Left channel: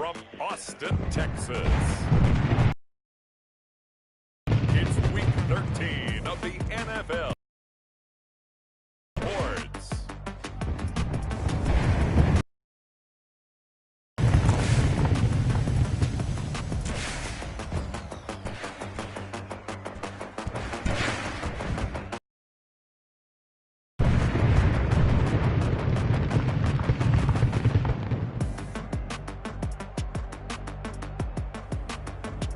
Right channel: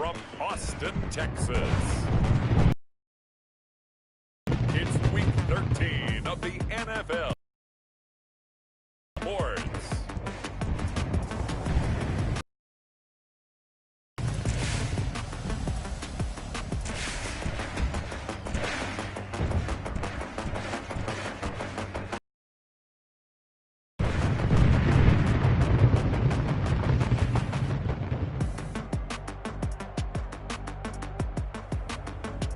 from Austin, Texas. It's Week 13 of the NFL awards.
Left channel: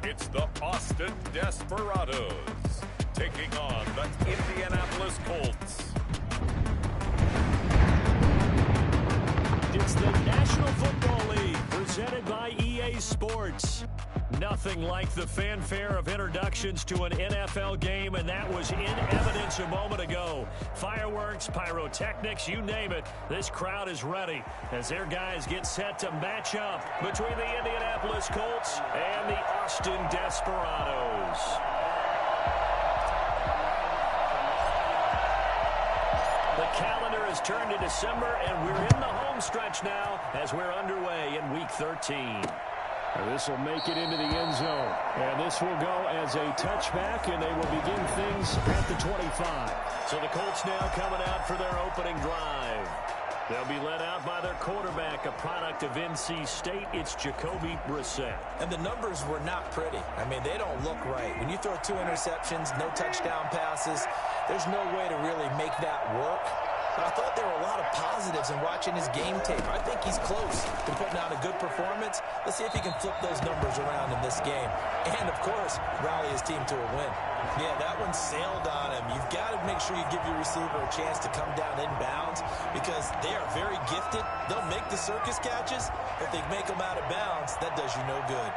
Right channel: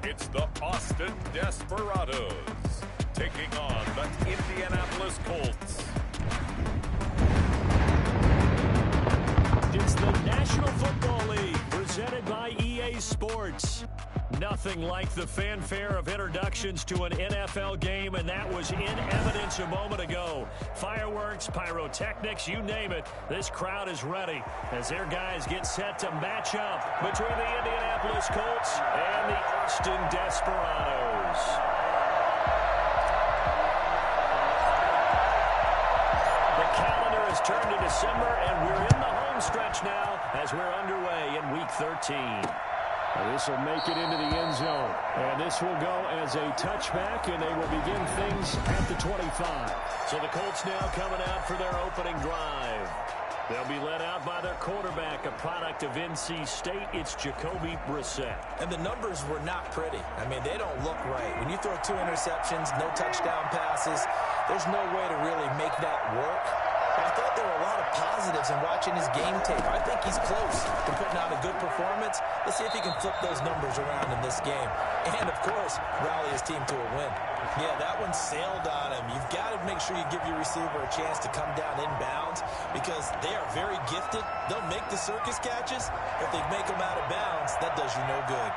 It's the Austin Desperados taking on the Indianapolis Colts. It's the National Football League presented by EA Sports. Nothing like the fanfare of introductions to an NFL game, and that was in evidence a moment ago. Fireworks, pyrotechnics, you name it. This crowd is ready as their guys get set to match up between the Indianapolis Colts and the Austin Desperados. The calendar has turned to December, and we're in the home stretch now as we're underway in Week 13. This will make it into the end zone. And this will go as a touchback, and they will begin things at the 25. So the Colts now coming out for their opening drive. They'll be led out by their quarterback, a product of NC State. It's Jacoby Brissett. And the numbers were not pretty. I mean, they don't look right. When you throw 2 interceptions, no touchdown passes, there's no way to really make that work. But I thought there were a lot of positives in watching his game tape. I think he's close to putting out a good performance. Let's see if he can flip those numbers around in this game. And, of course, rally his team to a win. Yeah, that one sailed on him. You've got to make sure you give your receiver a chance to come down inbounds because they are very gifted. They'll make the circus catches. If they make them out of bounds, that does you no good.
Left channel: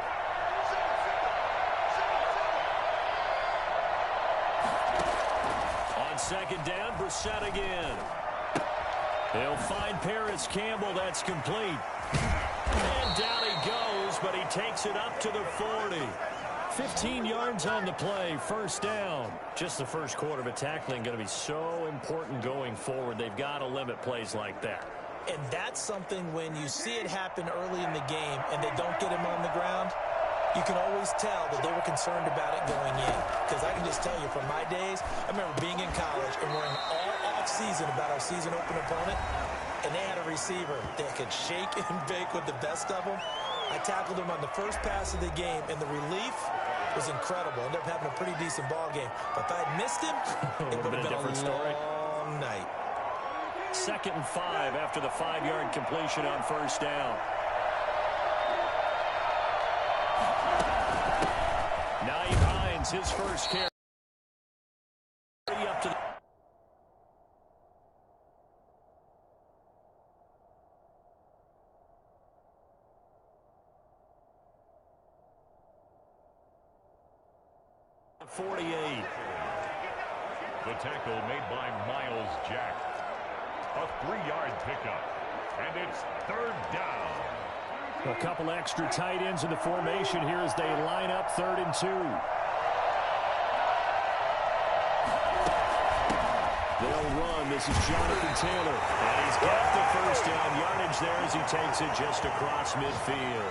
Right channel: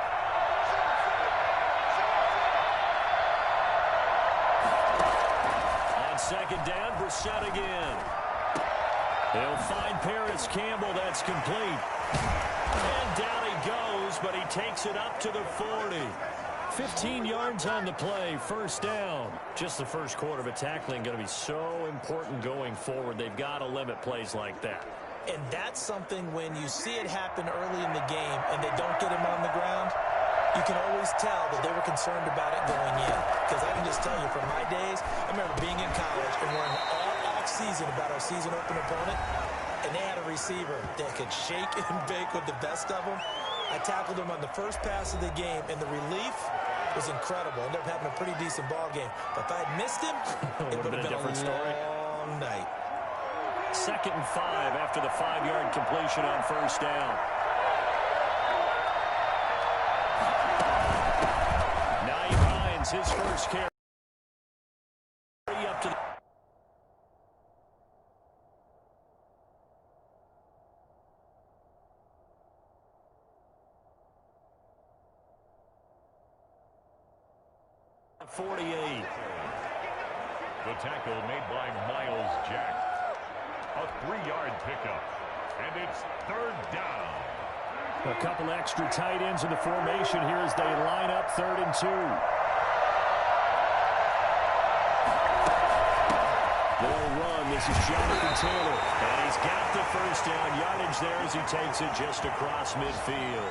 On second down, Brissett again. They'll find Paris Campbell. That's complete. And down he goes, but he takes it up to the 40. 15 yards on the play, first down. Just the first quarter of a tackling going to be so important going forward. They've got to limit plays like that. And that's something when you see it happen early in the game and they don't get him on the ground, you can always tell that they were concerned about it going in. Because I can just tell you from my days, I remember being in college and worrying all off-season about our season open opponent, and they had a receiver that could shake and bake with the best of them. I tackled him on the first pass of the game, and the relief was incredible. Ended up having a pretty decent ball game. But if I had missed him, it would have been a different story. Long night. 2nd and 5 after the 5-yard completion on first down. Naeem Hines, his first carry up to the 48. The tackle made by Miles Jack. A 3-yard pickup. And it's 3rd down. A couple extra tight ends in the formation here as they line up 3rd and 2. They'll run. This is Jonathan Taylor. And he's got the first down yardage there as he takes it just across midfield.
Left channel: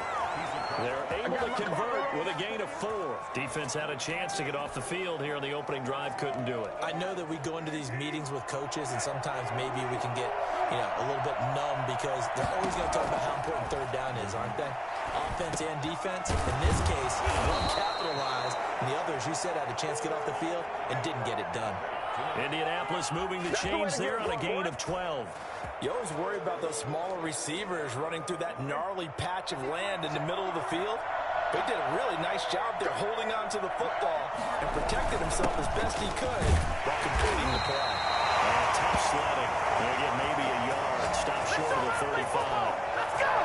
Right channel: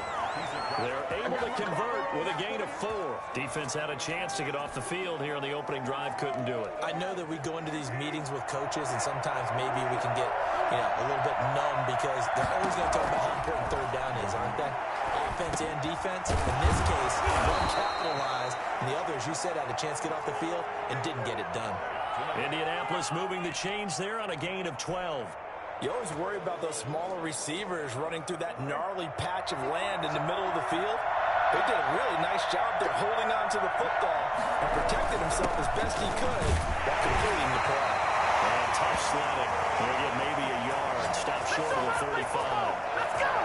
They're able to convert with a gain of 4. Defense had a chance to get off the field here on the opening drive, couldn't do it. I know that we go into these meetings with coaches, and sometimes maybe we can get, a little bit numb because they're always going to talk about how important 3rd down is, aren't they? Offense and defense. In this case, one capitalized, and the other, as you said, had a chance to get off the field and didn't get it done. Indianapolis moving the chains there on a gain of 12. You always worry about those smaller receivers running through that gnarly patch of land in the middle of the field. They did a really nice job there holding on to the football and protected himself as best he could while completing the play. And tough sledding. They'll get maybe a yard. Stop short of the 35. Let's go!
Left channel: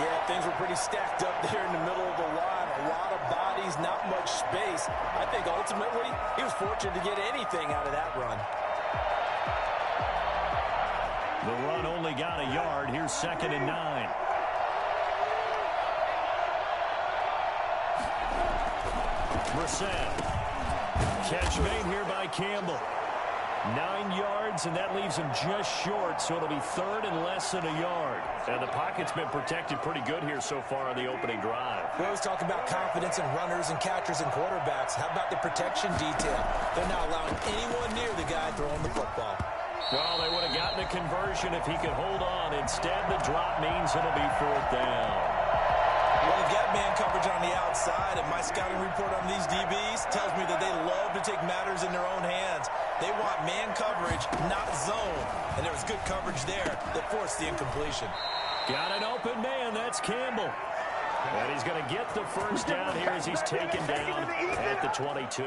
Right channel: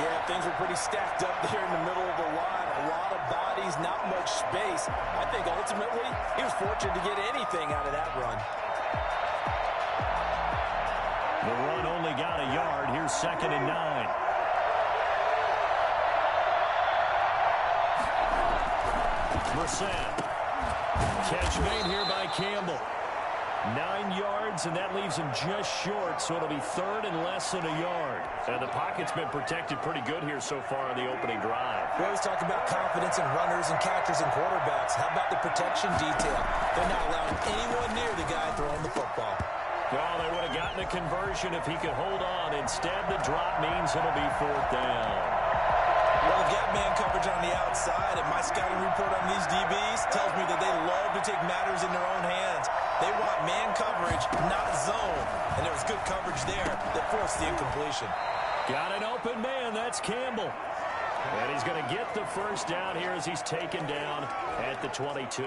Yeah, things were pretty stacked up there in the middle of the line. A lot of bodies, not much space. I think ultimately he was fortunate to get anything out of that run. The run only got a yard. Here's 2nd and 9. Brissett. Catch made here by Campbell. 9 yards, and that leaves him just short, so it'll be third and less than a yard. And the pocket's been protected pretty good here so far on the opening drive. We always talk about confidence in runners and catchers and quarterbacks. How about the protection detail? They're not allowing anyone near the guy throwing the football. Well, they would have gotten a conversion if he could hold on. Instead, the drop means it'll be fourth down. Well, they've got man coverage on the outside, and my scouting report on these DBs tells me that they love to take matters in their own hands. They want man coverage, not zone. And there was good coverage there that forced the incompletion. Got an open man. That's Campbell. And he's going to get the first down here as he's taken down at the 22.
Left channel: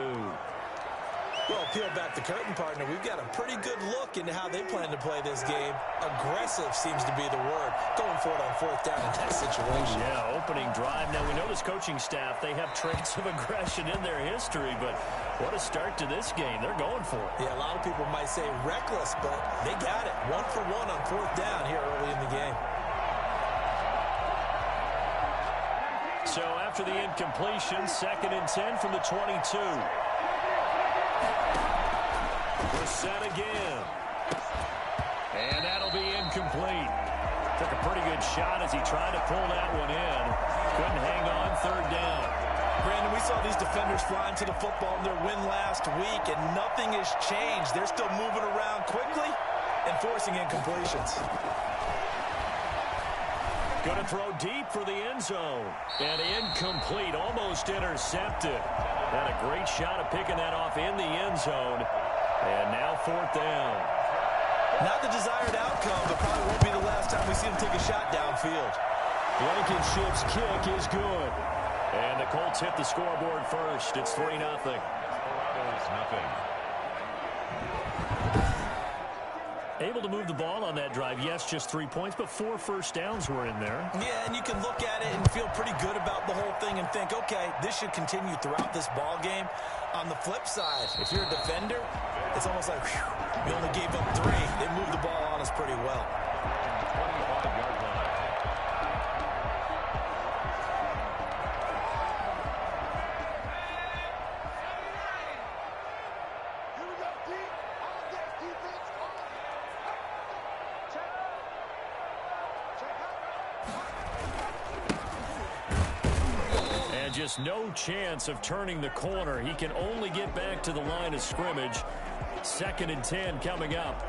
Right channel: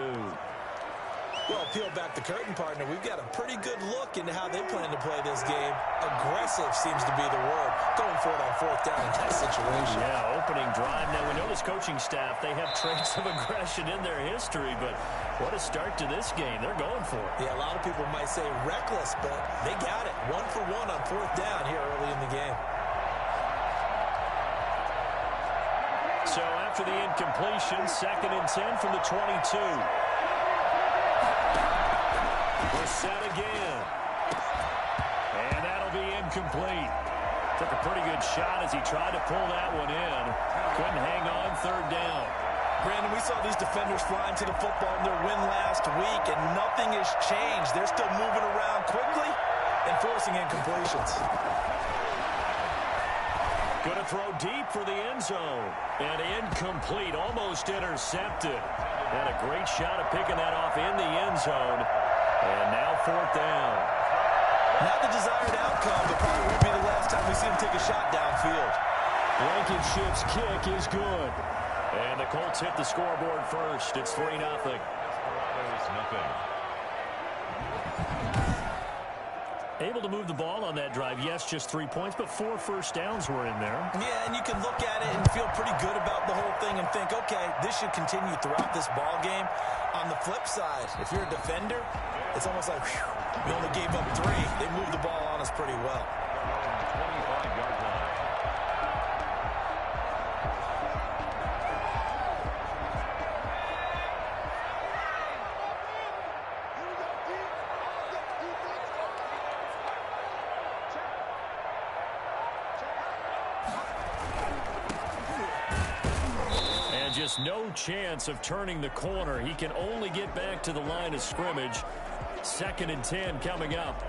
Well, peel back the curtain, partner. We've got a pretty good look into how they plan to play this game. Aggressive seems to be the word. Going for it on fourth down in that situation. Yeah, opening drive. Now, we know this coaching staff, they have traits of aggression in their history, but what a start to this game. They're going for it. Yeah, a lot of people might say reckless, but they got it. 1 for 1 on fourth down here early in the game. So after the incompletion, 2nd and 10 from the 22. We're set again. And that'll be incomplete. Took a pretty good shot as he tried to pull that one in. Couldn't hang on, third down. Brandon, we saw these defenders flying to the football in their win last week, and nothing has changed. They're still moving around quickly and forcing incompletions. Going to throw deep for the end zone. And incomplete, almost intercepted. Had a great shot of picking that off in the end zone. And now fourth down. Not the desired outcome, but probably won't be the last time we see him take a shot downfield. Blankenship's kick is good. And the Colts hit the scoreboard first. It's 3-0. Desperados, nothing. Able to move the ball on that drive. Yes, just 3 points, but 4 first downs were in there. Yeah, and you can look at it and feel pretty good about the whole thing and think, okay, this should continue throughout this ball game. On the flip side, if you're a defender, it's almost like, whew, we only gave up 3. They moved the ball on us pretty well. 25-yard line. Just no chance of turning the corner. He can only get back to the line of scrimmage. 2nd and 10 coming up.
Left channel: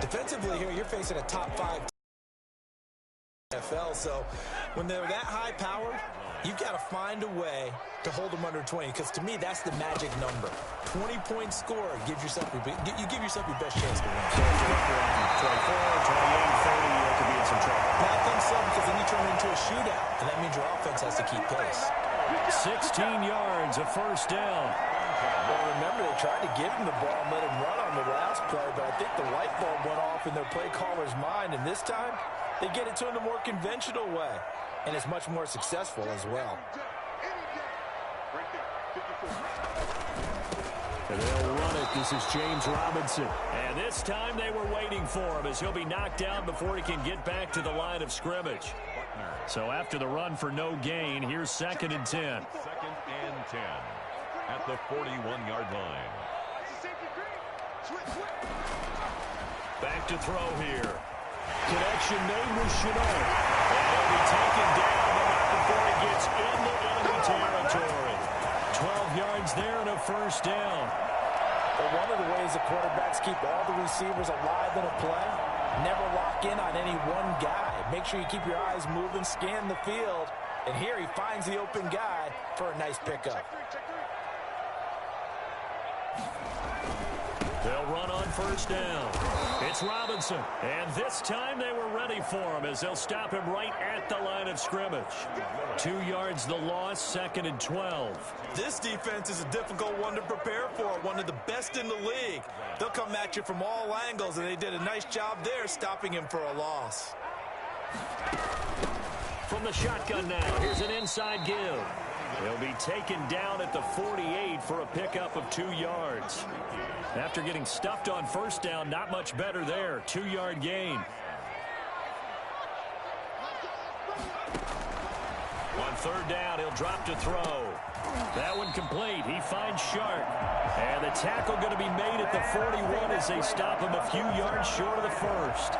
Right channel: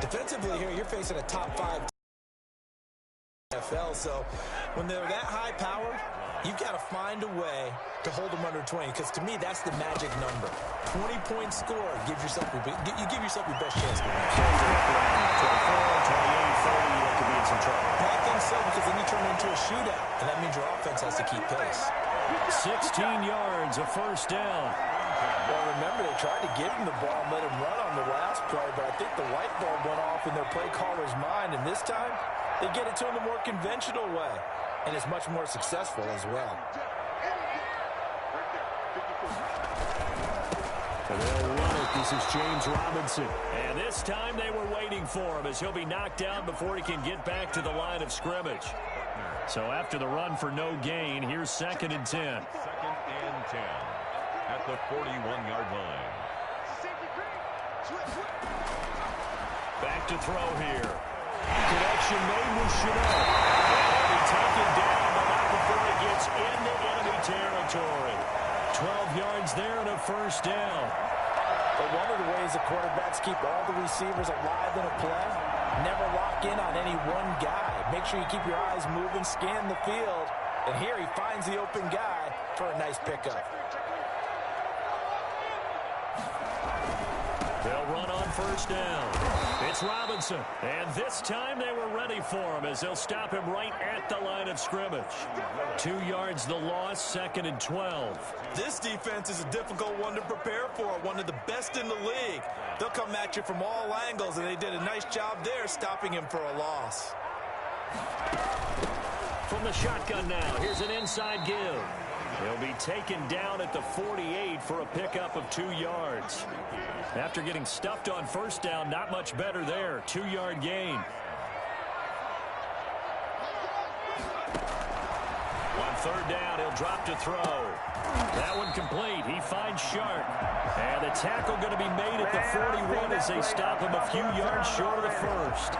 Defensively here, you're facing a top 5 NFL, so when they're that high powered, you've got to find a way to hold them under 20, because to me, that's the magic number. 20-point score gives yourself you give yourself your best chance to win. 24, 28, 30, that could be in some trouble. I think so, because then you turn it into a shootout, and that means your offense has to keep pace. 16 yards, a first down. Well, remember, they tried to give him the ball and let him run on the last play, but I think the light bulb went off in their play caller's mind, and this time, they get it to him the more conventional way, and it's much more successful as well. And they'll run it. This is James Robinson. And this time they were waiting for him as he'll be knocked down before he can get back to the line of scrimmage. So after the run for no gain, here's 2nd and 10. 2nd and 10 at the 41-yard line. Back to throw here. Connection made with Chenault. And he'll be taken down, but not before he gets into enemy territory. 12 yards there and a first down. But one of the ways the quarterbacks keep all the receivers alive in a play, never lock in on any one guy. Make sure you keep your eyes moving, scan the field. And here he finds the open guy for a nice pickup. They'll run on first down. It's Robinson. And this time they were ready for him as they'll stop him right at the line of scrimmage. 2 yards the loss, 2nd and 12. This defense is a difficult one to prepare for, one of the best in the league. They'll come at you from all angles, and they did a nice job there stopping him for a loss. From the shotgun now, here's an inside give. He'll be taken down at the 48 for a pickup of 2 yards. After getting stuffed on first down, not much better there. 2-yard gain. On third down, he'll drop to throw. That one complete. He finds Sharp. And the tackle going to be made at the 41 as they stop him a few yards short of the first.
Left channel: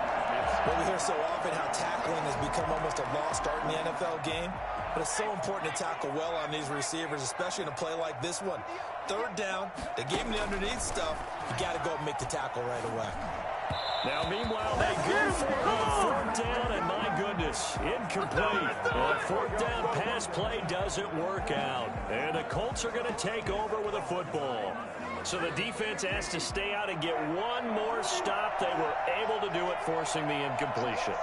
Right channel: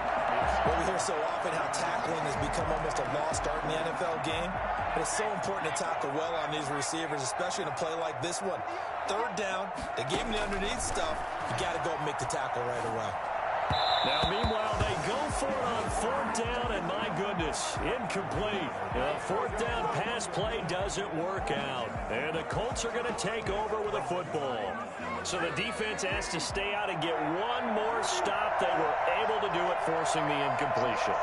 Well, we hear so often how tackling has become almost a lost art in the NFL game. But it's so important to tackle well on these receivers, especially in a play like this one. Third down, they gave him the underneath stuff. You got to go and make the tackle right away. Now, meanwhile, they go for it on fourth down, and my goodness, incomplete. The fourth down pass play doesn't work out, and the Colts are going to take over with a football. So the defense has to stay out and get one more stop. They were able to do it, forcing the incompletion.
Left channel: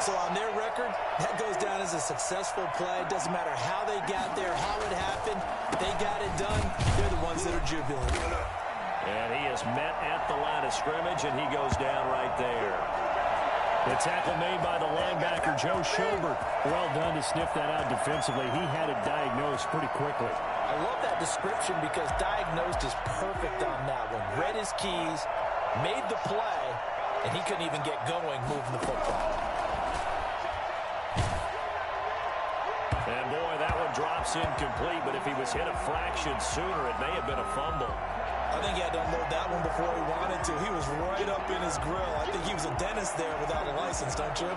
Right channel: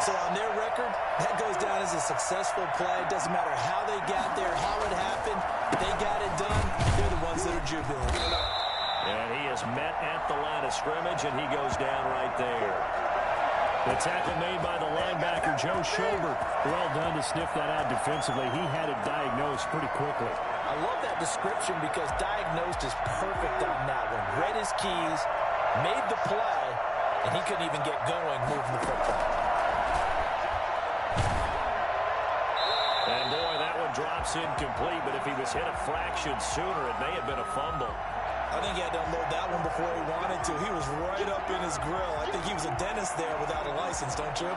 So on their record, that goes down as a successful play. It doesn't matter how they got there, how it happened. They got it done. They're the ones that are jubilant. And he is met at the line of scrimmage, and he goes down right there. The tackle made by the linebacker, Joe Schobert. Well done to sniff that out defensively. He had it diagnosed pretty quickly. I love that description because diagnosed is perfect on that one. Read his keys, made the play, and he couldn't even get going moving the football. And, boy, that one drops incomplete, but if he was hit a fraction sooner, it may have been a fumble. I think he had to unload that one before he wanted to. He was right up in his grill. I think he was a dentist there without a license, don't you?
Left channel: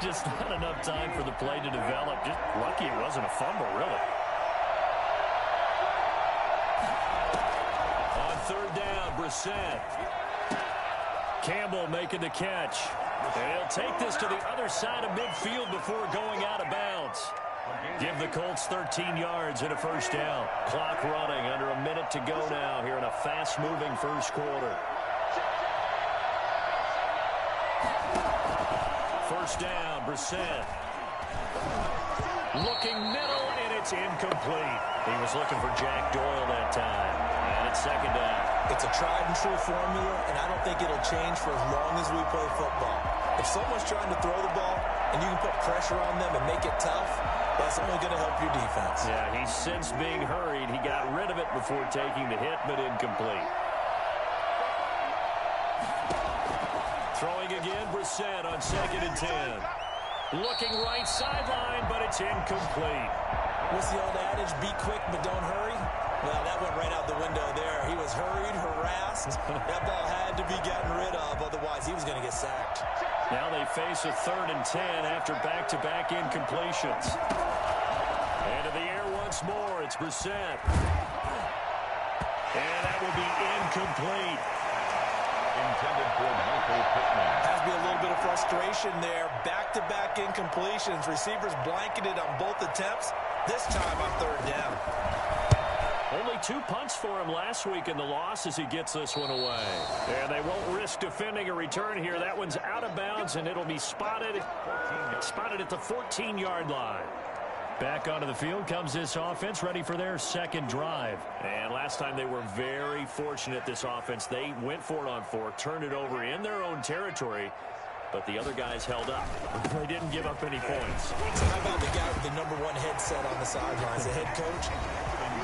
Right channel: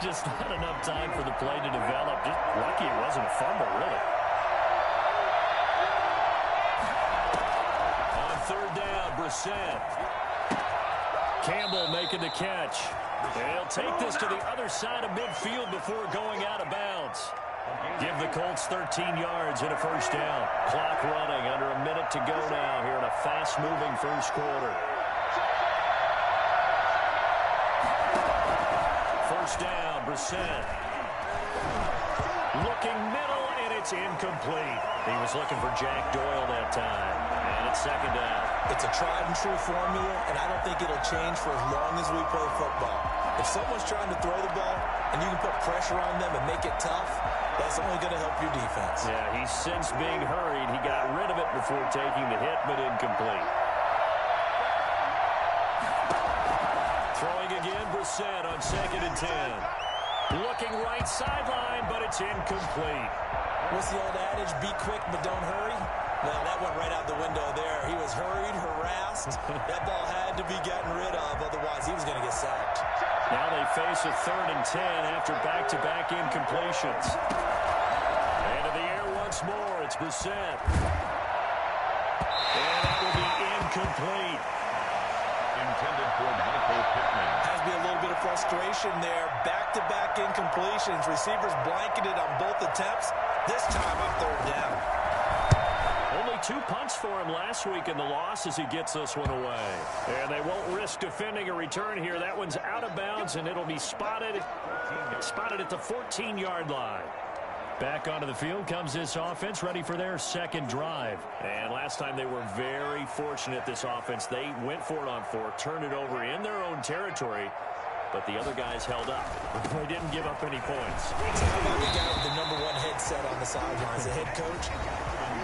Just not enough time for the play to develop. Just lucky it wasn't a fumble, really. On third down, Brissett. Campbell making the catch. And he'll take this to the other side of midfield before going out of bounds. Give the Colts 13 yards and a first down. Clock running, under a minute to go now here in a fast-moving first quarter. First down, Brissett. Looking middle, and it's incomplete. He was looking for Jack Doyle that time. And it's second down. It's a tried-and-true formula, and I don't think it'll change for as long as we play football. If someone's trying to throw the ball and you can put pressure on them and make it tough, that's only going to help your defense. Yeah, he's since being hurried. He got rid of it before taking the hit, but incomplete. Throwing again, Brissett on 2nd and 10. Looking right sideline, but it's incomplete. What's the old adage? Be quick, but don't hurry. Well, that went right out the window there. He was hurried, harassed. That ball had to be gotten rid of, otherwise he was going to get sacked. Now they face a 3rd and 10 after back-to-back incompletions. Into the air once more. It's Brissett. And that will be incomplete. Intended for Michael Pickle. Has to be a little bit of frustration there. Back-to-back incompletions. Receivers blanketed on both attempts. This time on 3rd down. Only 2 punts for him last week in the loss as he gets this one away. And they won't risk defending a return here. That one's out of bounds, and it'll be spotted at the 14-yard line. Back onto the field comes this offense, ready for their second drive. And last time they were very fortunate, this offense. They went for it on 4, turned it over in their own territory, but the other guys held up. They didn't give up any points. So how about the guy with the #1 headset on the sidelines, the head coach?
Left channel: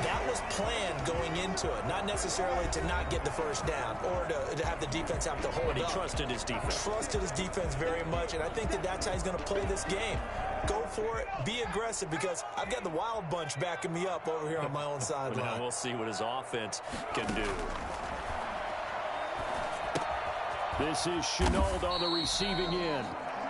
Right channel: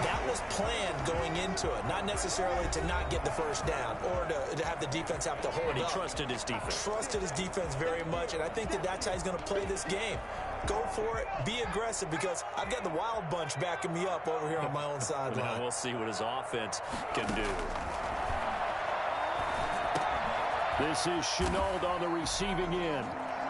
That was planned going into it, not necessarily to not get the first down or to have the defense have to hold up. But he trusted his defense. Trusted his defense very much, and I think that's how he's going to play this game. Go for it, be aggressive, because I've got the wild bunch backing me up over here on my own sideline. Now we'll see what his offense can do. This is Chenault on the receiving end.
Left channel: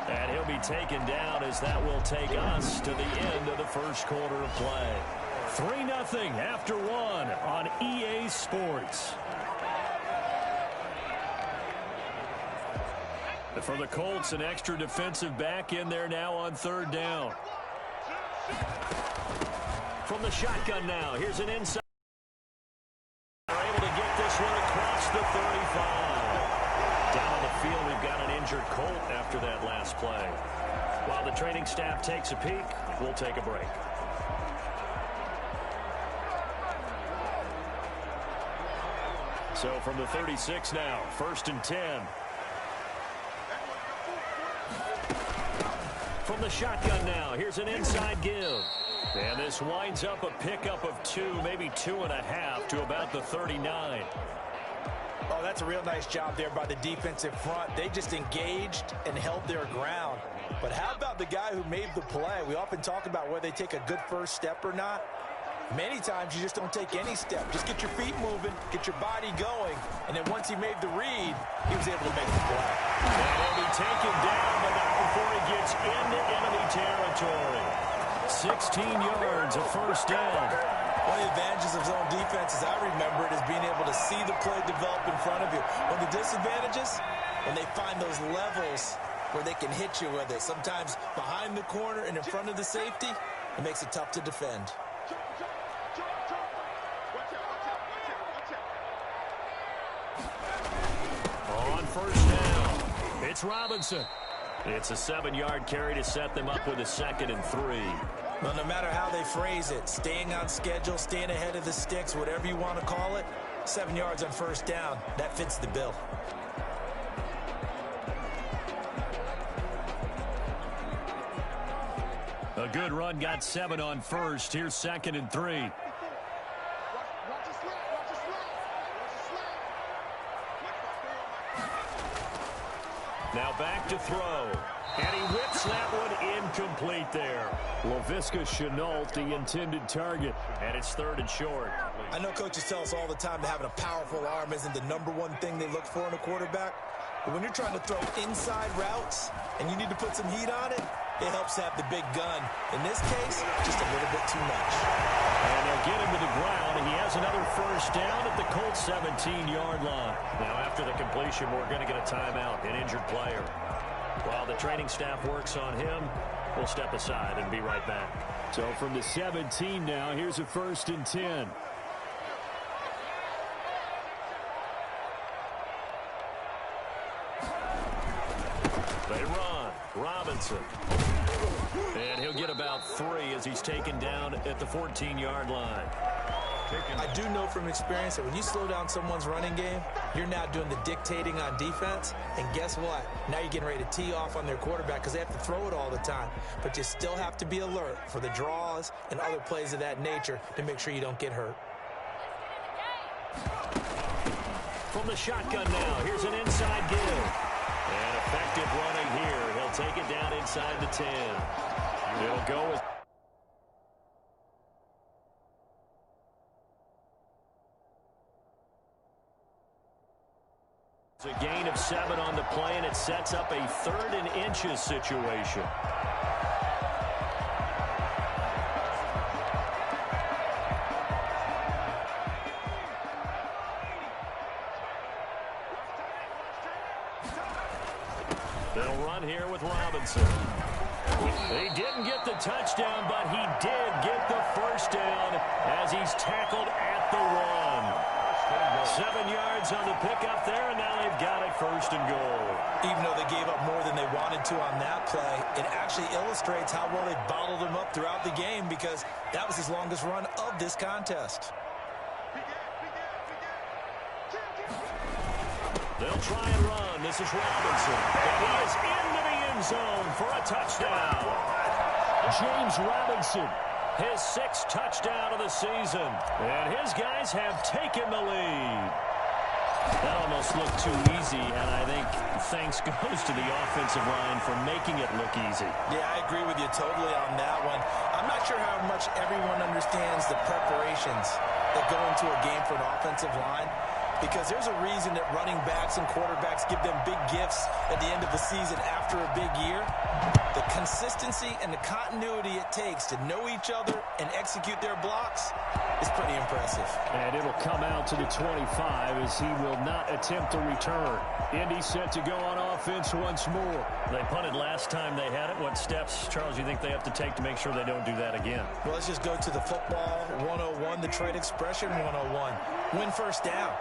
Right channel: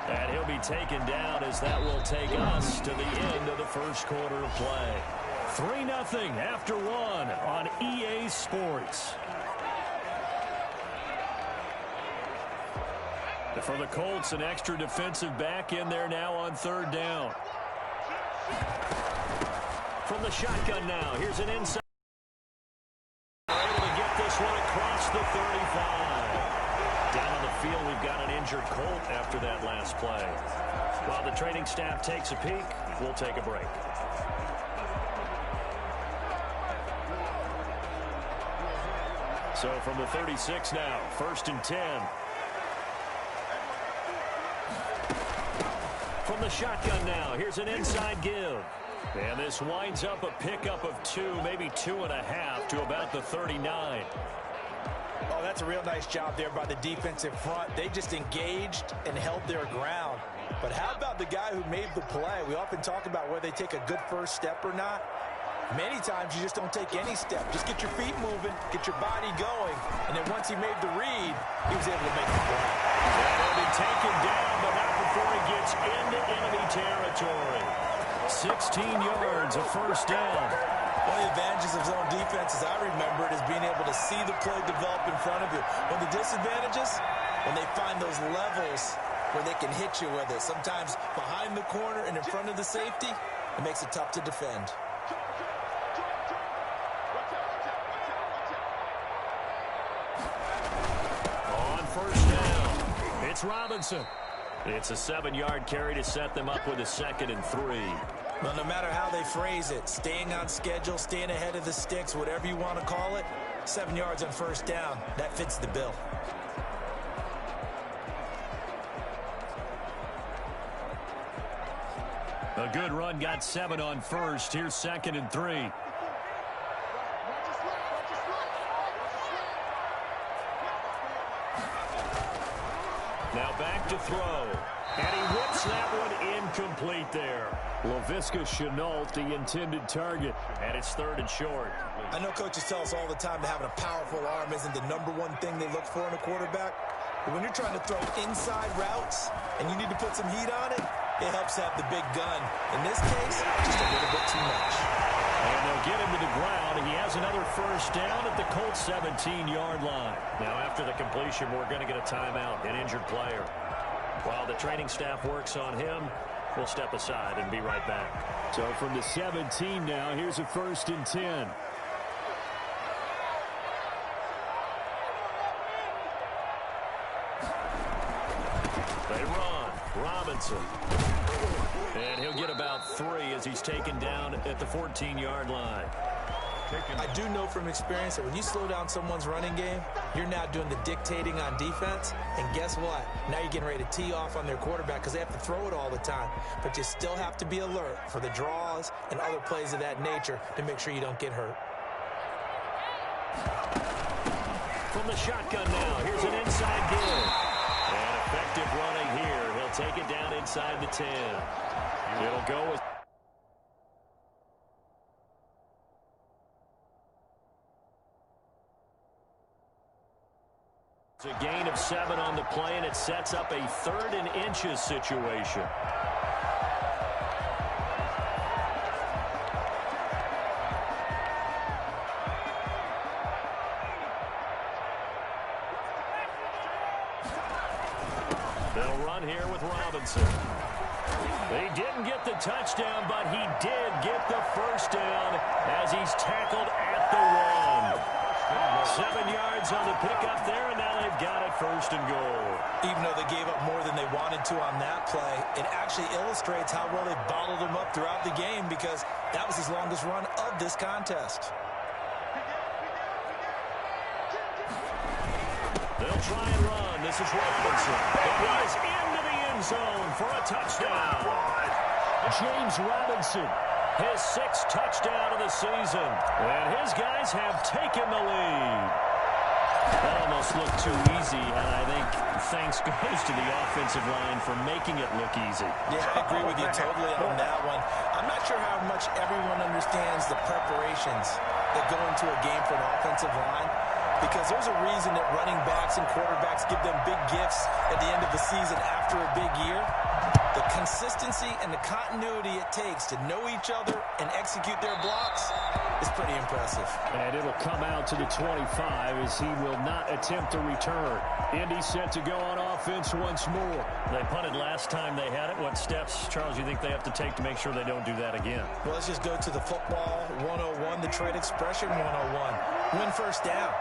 And he'll be taken down as that will take us to the end of the first quarter of play. 3-0 after 1 on EA Sports. For the Colts, an extra defensive back in there now on 3rd down. From the shotgun now, here's an inside. They're able to get this one across the 35. Down on the field, we've got an injured Colt after that last play. While the training staff takes a peek, we'll take a break. So from the 36 now, 1st and 10. From the shotgun now, here's an inside give. And this winds up a pickup of 2, maybe 2.5 to about the 39. Oh, that's a real nice job there by the defensive front. They just engaged and held their ground. But how about the guy who made the play? We often talk about whether they take a good first step or not. Many times you just don't take any step. Just get your feet moving, get your body going, and then once he made the read, he was able to make the play. And he'll be taken down, but not before he gets into enemy territory. 16 yards, a first down. One of the advantages of zone defense, as I remember it, is being able to see the play develop in front of you. One of the disadvantages, when they find those levels where they can hit you with it, sometimes behind the corner and in front of the safety, it makes it tough to defend. On first down, it's Robinson. It's a 7-yard carry to set them up with a 2nd and 3. Well, no matter how they phrase it, staying on schedule, staying ahead of the sticks, whatever you want to call it, 7 yards on first down, that fits the bill. A good run, got 7 on first. Here's 2nd and 3. Now back to throw. And he whips that one incomplete there. Laviska Shenault, the intended target. And it's 3rd and short. I know coaches tell us all the time that having a powerful arm isn't the #1 thing they look for in a quarterback. But when you're trying to throw inside routes and you need to put some heat on it, it helps have the big gun. In this case, just a little bit too much. And they'll get him to the ground. He has another first down at the Colts 17-yard line. Now, after the completion, we're going to get a timeout, an injured player. While the training staff works on him, we'll step aside and be right back. So from the 17 now, here's a 1st and 10. They run. Robinson. And he'll get about 3 as he's taken down at the 14-yard line. I do know from experience that when you slow down someone's running game, you're now doing the dictating on defense. And guess what? Now you're getting ready to tee off on their quarterback because they have to throw it all the time. But you still have to be alert for the draws and other plays of that nature to make sure you don't get hurt. From the shotgun now, here's an inside give. And effective running here. He'll take it down inside the 10. It'll go with... It's a gain of 7 on the play, and it sets up a 3rd and inches situation. They'll run here with Robinson. He didn't get the touchdown, but he did get the first down as he's tackled at the 1. 7 yards on the pickup there, and now they've got it 1st and goal. Even though they gave up more than they wanted to on that play, it actually illustrates how well they bottled him up throughout the game because that was his longest run of this contest. They'll try and run. This is Robinson. And he is into the end zone for a touchdown. James Robinson, his 6th touchdown of the season. And his guys have taken the lead. That almost looked too easy, and I think thanks goes to the offensive line for making it look easy. Yeah, I agree with you totally on that one. I'm not sure how much everyone understands the preparations that go into a game for an offensive line, because there's a reason that running backs and quarterbacks give them big gifts at the end of the season after a big year. The consistency and the continuity it takes to know each other and execute their blocks is pretty impressive. And it'll come out to the 25 as he will not attempt to return. Indy set to go on offense once more. They punted last time they had it. What steps, Charles, you think they have to take to make sure they don't do that again? Well, let's just go to the football 101, the trade expression 101. Win first down.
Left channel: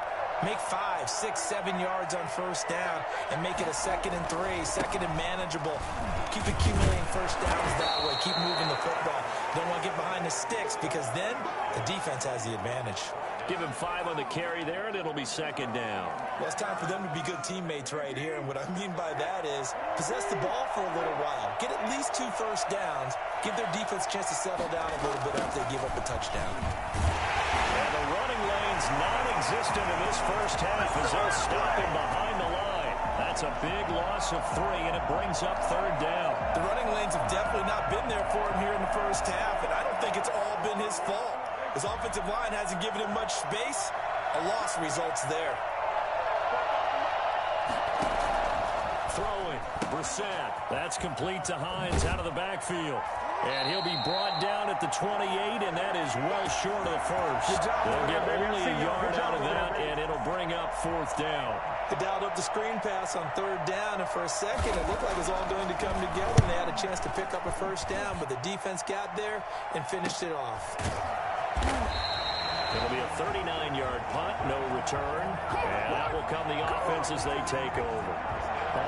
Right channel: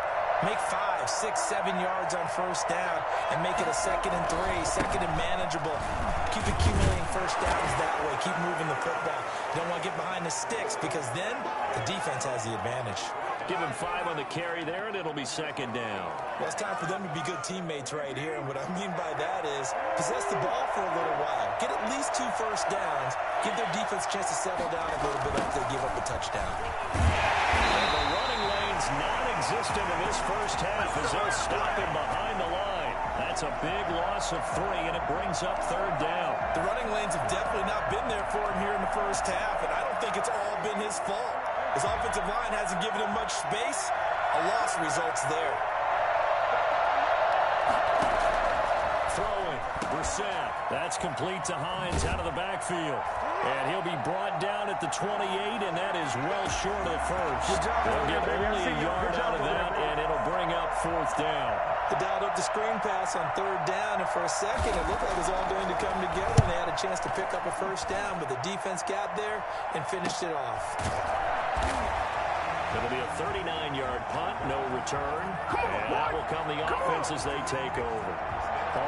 Make 5, 6, 7 yards on first down and make it a 2nd and 3, 2nd and manageable. Keep accumulating first downs that way. Keep moving the football. You don't want to get behind the sticks because then the defense has the advantage. Give him 5 on the carry there, and it'll be 2nd down. Well, it's time for them to be good teammates right here. And what I mean by that is possess the ball for a little while. Get at least 2 first downs. Give their defense a chance to settle down a little bit after they give up a touchdown. And the running lanes It's non-existent in this first half as they'll stop him behind the line. That's a big loss of 3, and it brings up 3rd down. The running lanes have definitely not been there for him here in the first half, and I don't think it's all been his fault. His offensive line hasn't given him much space. A loss results there. Throwing, Brissett. That's complete to Hines out of the backfield. And he'll be brought down at the 28, and that is well short of the first. They'll get only a yard out of that, and it'll bring up 4th down. They dialed up the screen pass on 3rd down, and for a second it looked like it was all going to come together, and they had a chance to pick up a 1st down, but the defense got there and finished it off. It'll be a 39-yard punt, no return, and that will come the offense as they take over.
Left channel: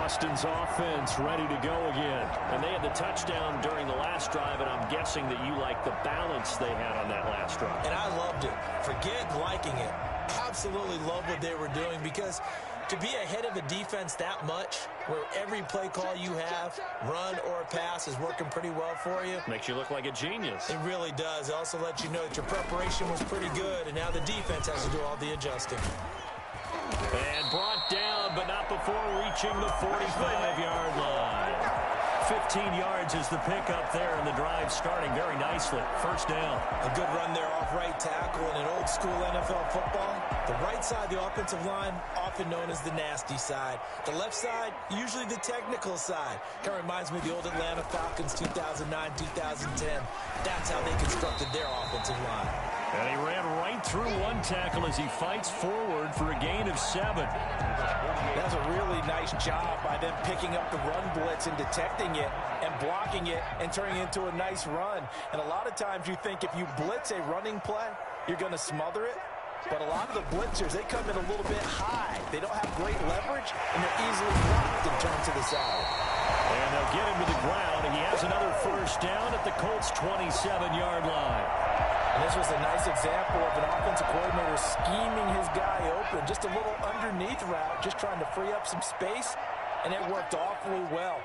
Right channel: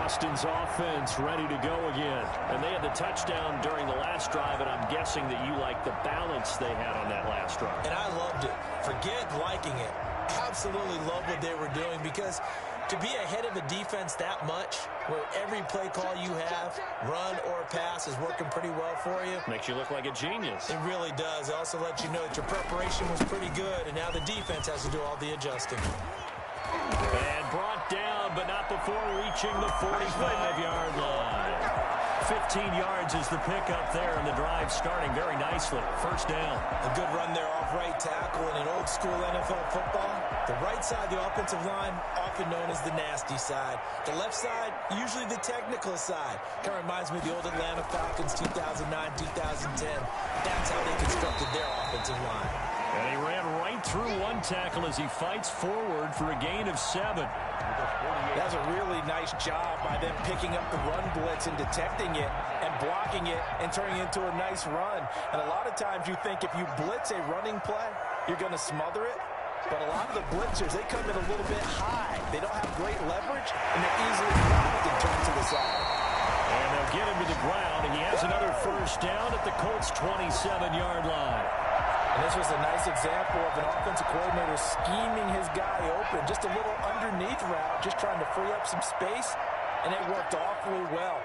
Austin's offense ready to go again. And they had the touchdown during the last drive, and I'm guessing that you like the balance they had on that last drive. And I loved it. Forget liking it. Absolutely love what they were doing, because to be ahead of a defense that much, where every play call you have, run or pass, is working pretty well for you. Makes you look like a genius. It really does. It also lets you know that your preparation was pretty good, and now the defense has to do all the adjusting. And brought down, but not before reaching the 45-yard line. 15 yards is the pickup there, and the drive starting very nicely. 1st down. A good run there off right tackle in an old-school NFL football. The right side of the offensive line, often known as the nasty side. The left side, usually the technical side. Kind of reminds me of the old Atlanta Falcons 2009, 2010. That's how they constructed their offensive line. And he ran right through one tackle as he fights forward for a gain of 7. That's a really nice job by them picking up the run blitz and detecting it and blocking it and turning it into a nice run. And a lot of times you think if you blitz a running play, you're going to smother it. But a lot of the blitzers, they come in a little bit high. They don't have great leverage, and they're easily blocked and turned to the side. And they'll get him to the ground. He has another 1st down at the Colts' 27-yard line. And this was a nice example of an offensive coordinator scheming his guy open. Just a little underneath route, just trying to free up some space, and it worked awfully well.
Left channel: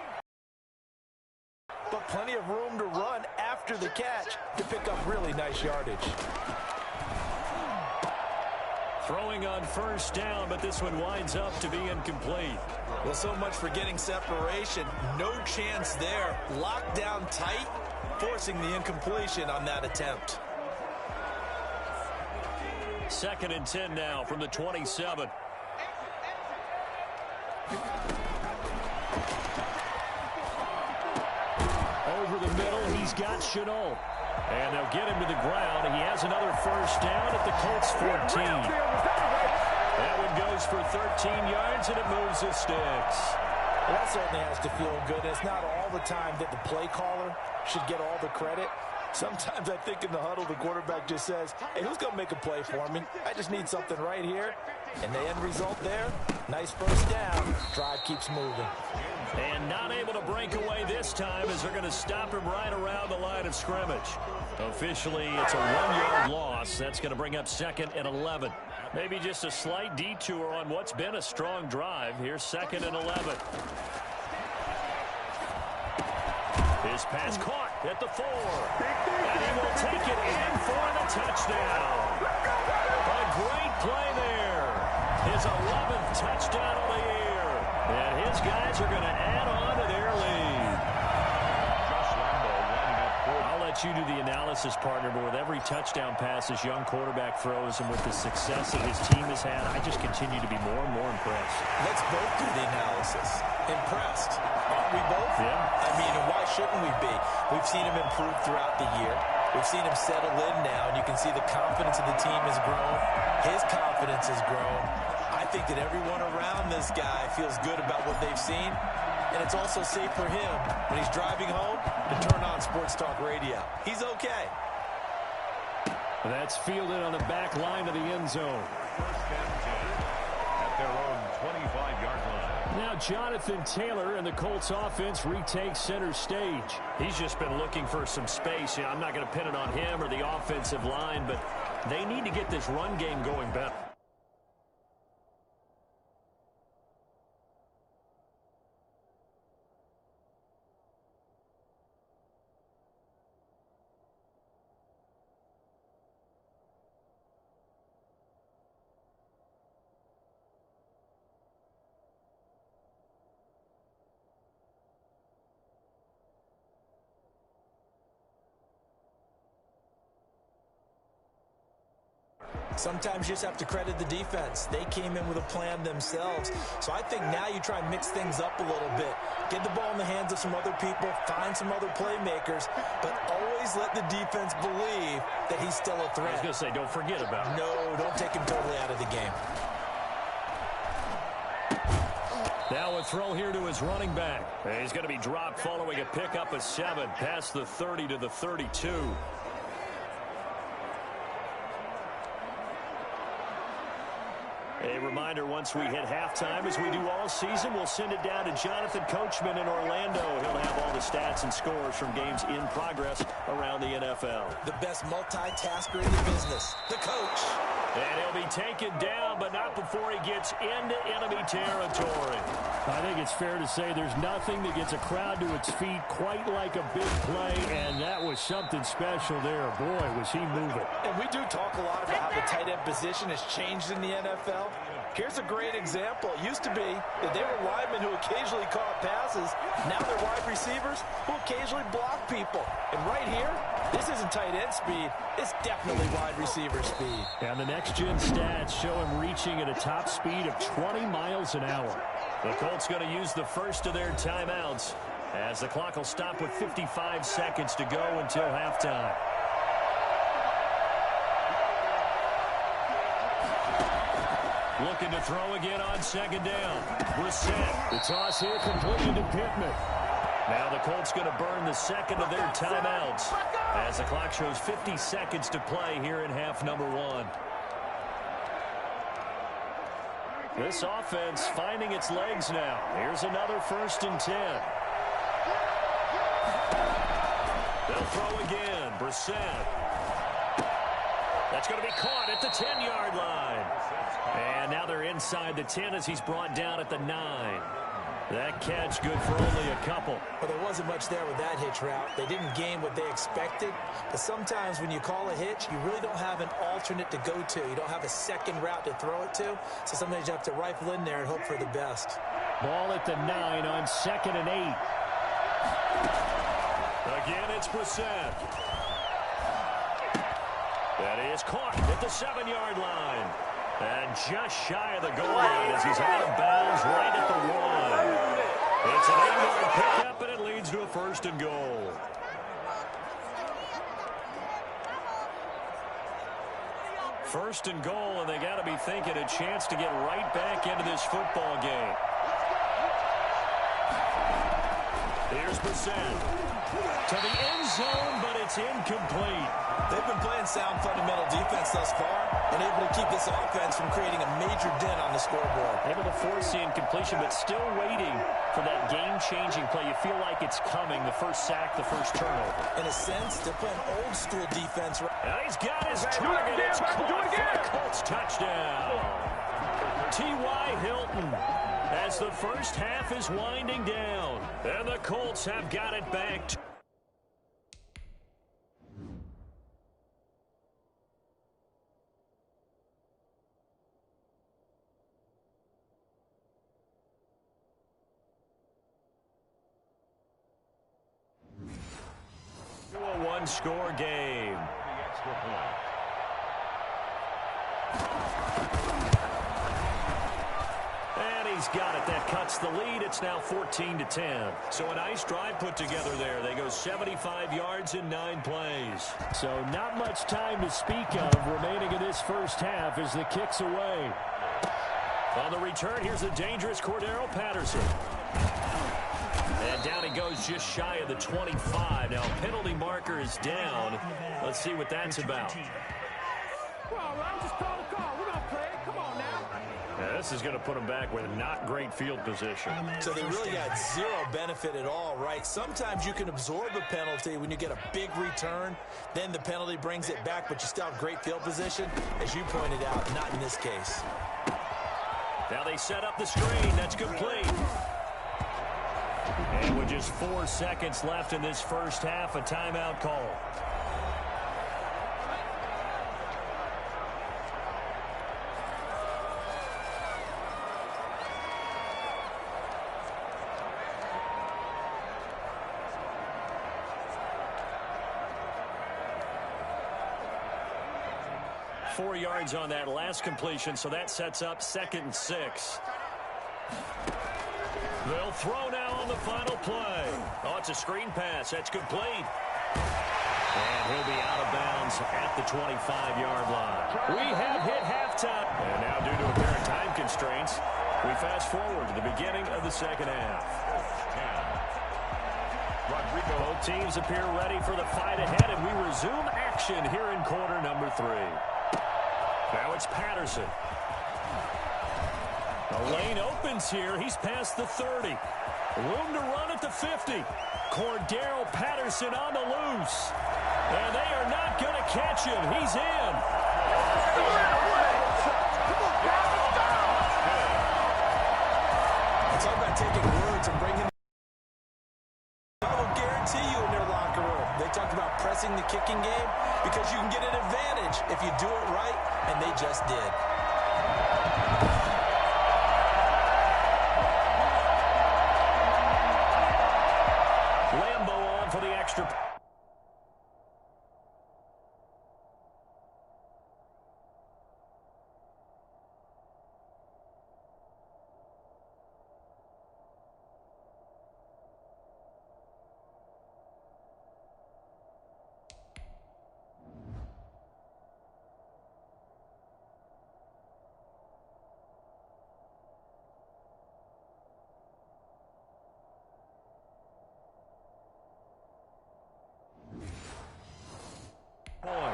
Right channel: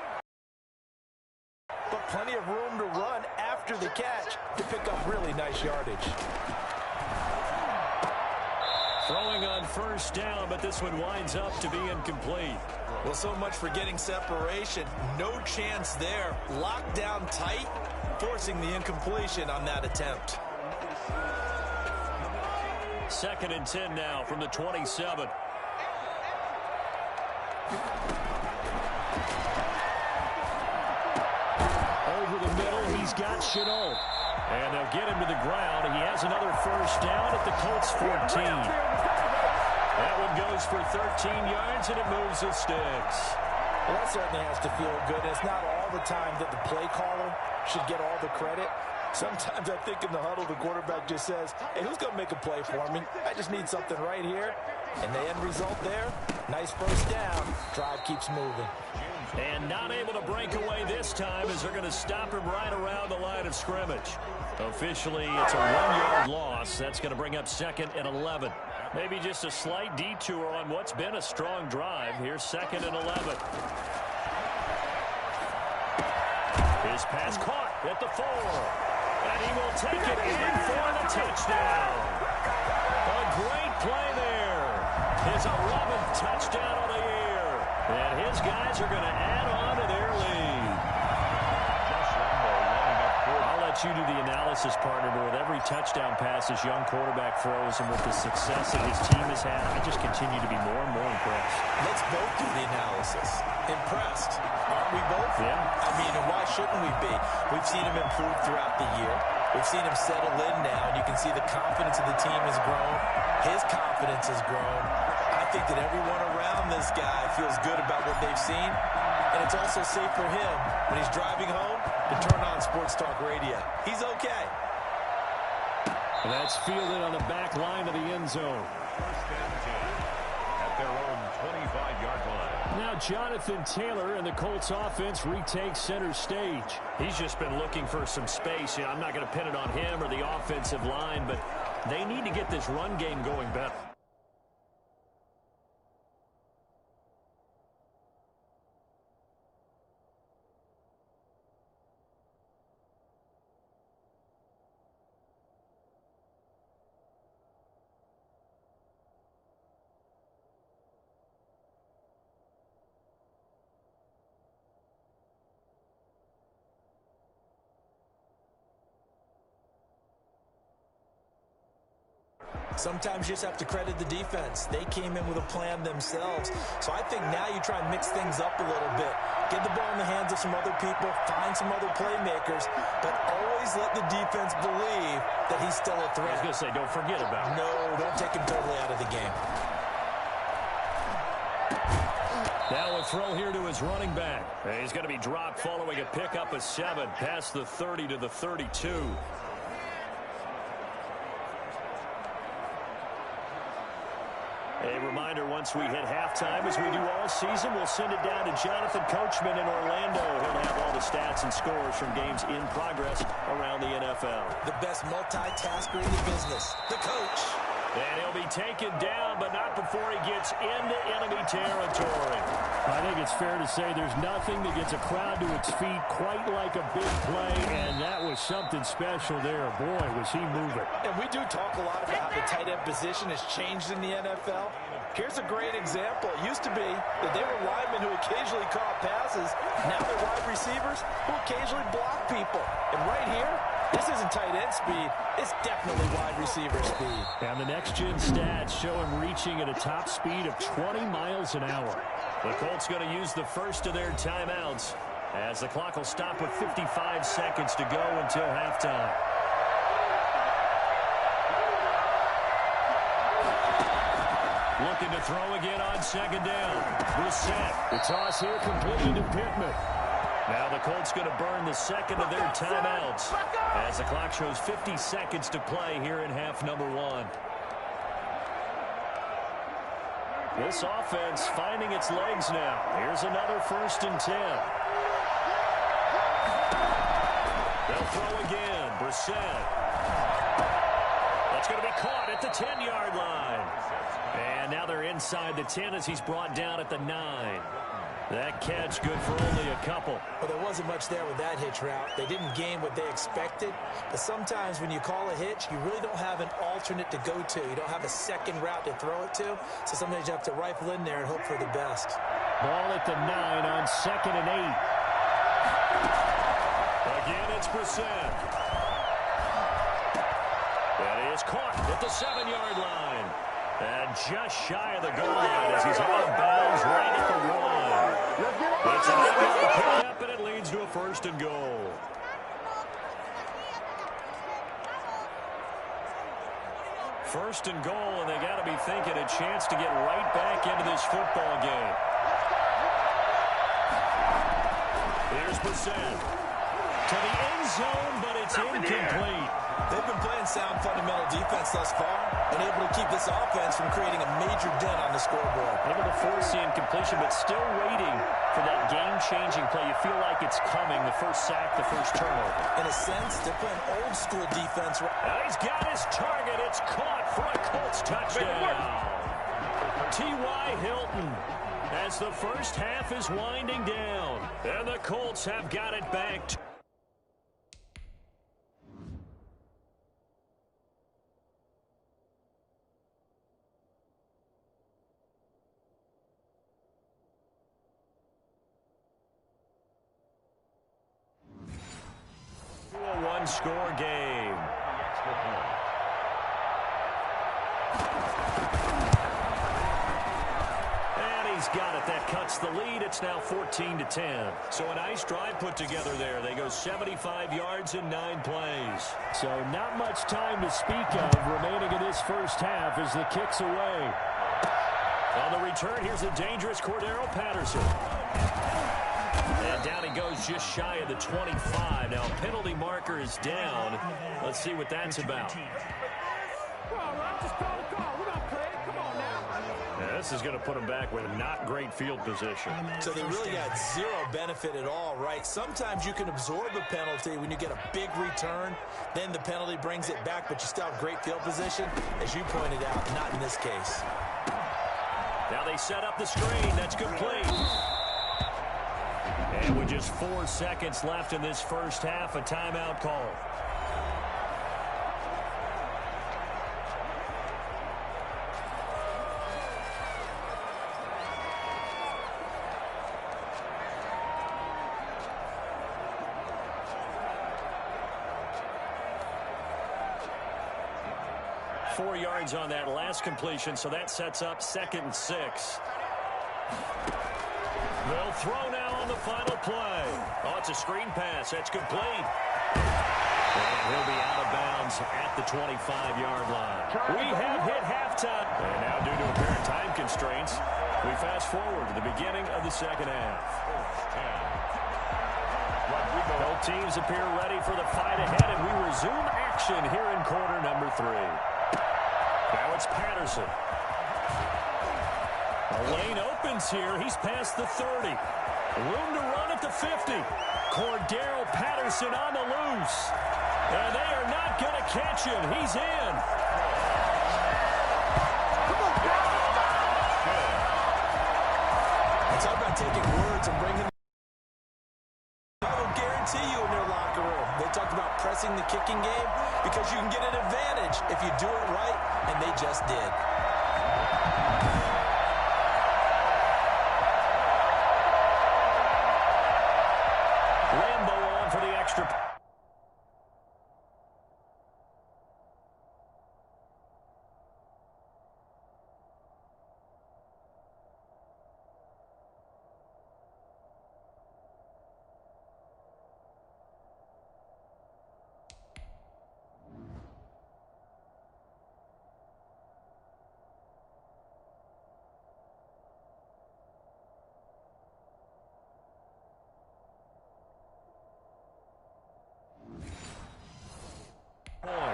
But plenty of room to run after the catch to pick up really nice yardage. Throwing on 1st down, but this one winds up to be incomplete. Well, so much for getting separation. No chance there. Locked down tight, forcing the incompletion on that attempt. 2nd and 10 now from the 27. Over the middle, he's got Chenault. And they'll get him to the ground. He has another 1st down at the Colts' 14. That one goes for 13 yards, and it moves the sticks. Well, that certainly has to feel good. It's not all the time that the play caller should get all the credit. Sometimes I think in the huddle, the quarterback just says, hey, who's going to make a play for me? I just need something right here. And the end result there, nice 1st down. Drive keeps moving. And not able to break away this time as they're going to stop him right around the line of scrimmage. Officially, it's a 1-yard loss. That's going to bring up 2nd and 11. Maybe just a slight detour on what's been a strong drive. Here's 2nd and 11. His pass caught at the 4. And he will take it in for the touchdown. A great play there. His 11th touchdown of the year. And his guys are going to add on to their lead. I'll let you do the analysis, partner, but with every touchdown pass this young quarterback throws and with the success that his team has had, I just continue to be more and more impressed. Let's both do the analysis. Impressed. Aren't we both? Yeah. I mean, and why shouldn't we be? We've seen him improve throughout the year. We've seen him settle in now, and you can see the confidence of the team has grown. His confidence has grown. I think that everyone around this guy feels good about what they've seen. And it's also safe for him when he's driving home to turn on Sports Talk Radio. He's okay. That's fielded on the back line of the end zone. 1st and 10 at their own 25-yard line. Now Jonathan Taylor and the Colts offense retake center stage. He's just been looking for some space. I'm not going to pin it on him or the offensive line, but they need to get this run game going better. Sometimes you just have to credit the defense. They came in with a plan themselves. So I think now you try and mix things up a little bit. Get the ball in the hands of some other people, find some other playmakers, but always let the defense believe that he's still a threat. I was going to say, don't forget about him. No, don't take him totally out of the game. Now a throw here to his running back. He's going to be dropped following a pickup of 7 past the 30 to the 32. A reminder, once we hit halftime, as we do all season, we'll send it down to Jonathan Coachman in Orlando. He'll have all the stats and scores from games in progress around the NFL. The best multitasker in the business, the coach. And he'll be taken down, but not before he gets into enemy territory. I think it's fair to say there's nothing that gets a crowd to its feet quite like a big play, and that was something special there. Boy, was he moving. And we do talk a lot about how the tight end position has changed in the NFL. Here's a great example. It used to be that they were linemen who occasionally caught passes. Now they're wide receivers who occasionally block people. And right here, this isn't tight end speed. It's definitely wide receiver speed. And the next-gen stats show him reaching at a top speed of 20 miles an hour. The Colts going to use the first of their timeouts as the clock will stop with 55 seconds to go until halftime. Looking to throw again on second down. Brissett. The toss here completed to Pittman. Now the Colts going to burn the second of their timeouts as the clock shows 50 seconds to play here in half number 1. This offense finding its legs now. Here's another 1st and 10. They'll throw again. Brissett. That's going to be caught at the 10-yard line. And now they're inside the 10 as he's brought down at the 9. That catch good for only a couple. Well, there wasn't much there with that hitch route. They didn't gain what they expected. But sometimes when you call a hitch, you really don't have an alternate to go to. You don't have a second route to throw it to. So sometimes you have to rifle in there and hope for the best. Ball at the 9 on 2nd and 8. Again, it's Brissett. That is caught at the 7-yard line. And just shy of the goal line as he's out of bounds right at the 1. It's an 8-yard pickup, and it leads to a 1st and goal. First and goal, and they got to be thinking a chance to get right back into this football game. Here's Brissett to the end zone, but it's incomplete. They've been playing sound fundamental defense thus far and able to keep this offense from creating a major dent on the scoreboard. Able to force the incompletion, but still waiting for that game-changing play. You feel like it's coming, the first sack, the first turnover. In a sense, they're playing old-school defense. And he's got his target. It's caught for a Colts touchdown. T.Y. Hilton as the first half is winding down. And the Colts have got it back. A one-score game. The extra point. And he's got it. That cuts the lead. It's now 14-10. So a nice drive put together there. They go 75 yards in 9 plays. So not much time to speak of remaining in this first half as the kick's away. On the return, here's a dangerous Cordero Patterson. And down he goes just shy of the 25. Now, penalty marker is down. Let's see what that's about. Yeah, this is going to put him back with not great field position. So they really got zero benefit at all, right? Sometimes you can absorb a penalty when you get a big return. Then the penalty brings it back, but you still have great field position. As you pointed out, not in this case. Now they set up the screen. That's complete. And with just 4 seconds left in this first half, a timeout call. 4 yards on that last completion, so that sets up 2nd and 6. They'll throw now on the final play. Oh, it's a screen pass. That's complete. And he'll be out of bounds at the 25-yard line. We have hit halftime. And now, due to apparent time constraints, we fast forward to the beginning of the second half. Both teams appear ready for the fight ahead, and we resume action here in quarter number 3. Now it's Patterson. The lane opens here. He's past the 30. Room to run at the 50. Cordero Patterson on the loose. And they are not going to catch him. He's in. It's all about taking words and bringing them. I will guarantee you in their locker room. They talked about pressing the kicking game because you can get an advantage if you do it right, and they just did. Lambo on for the extra. Point.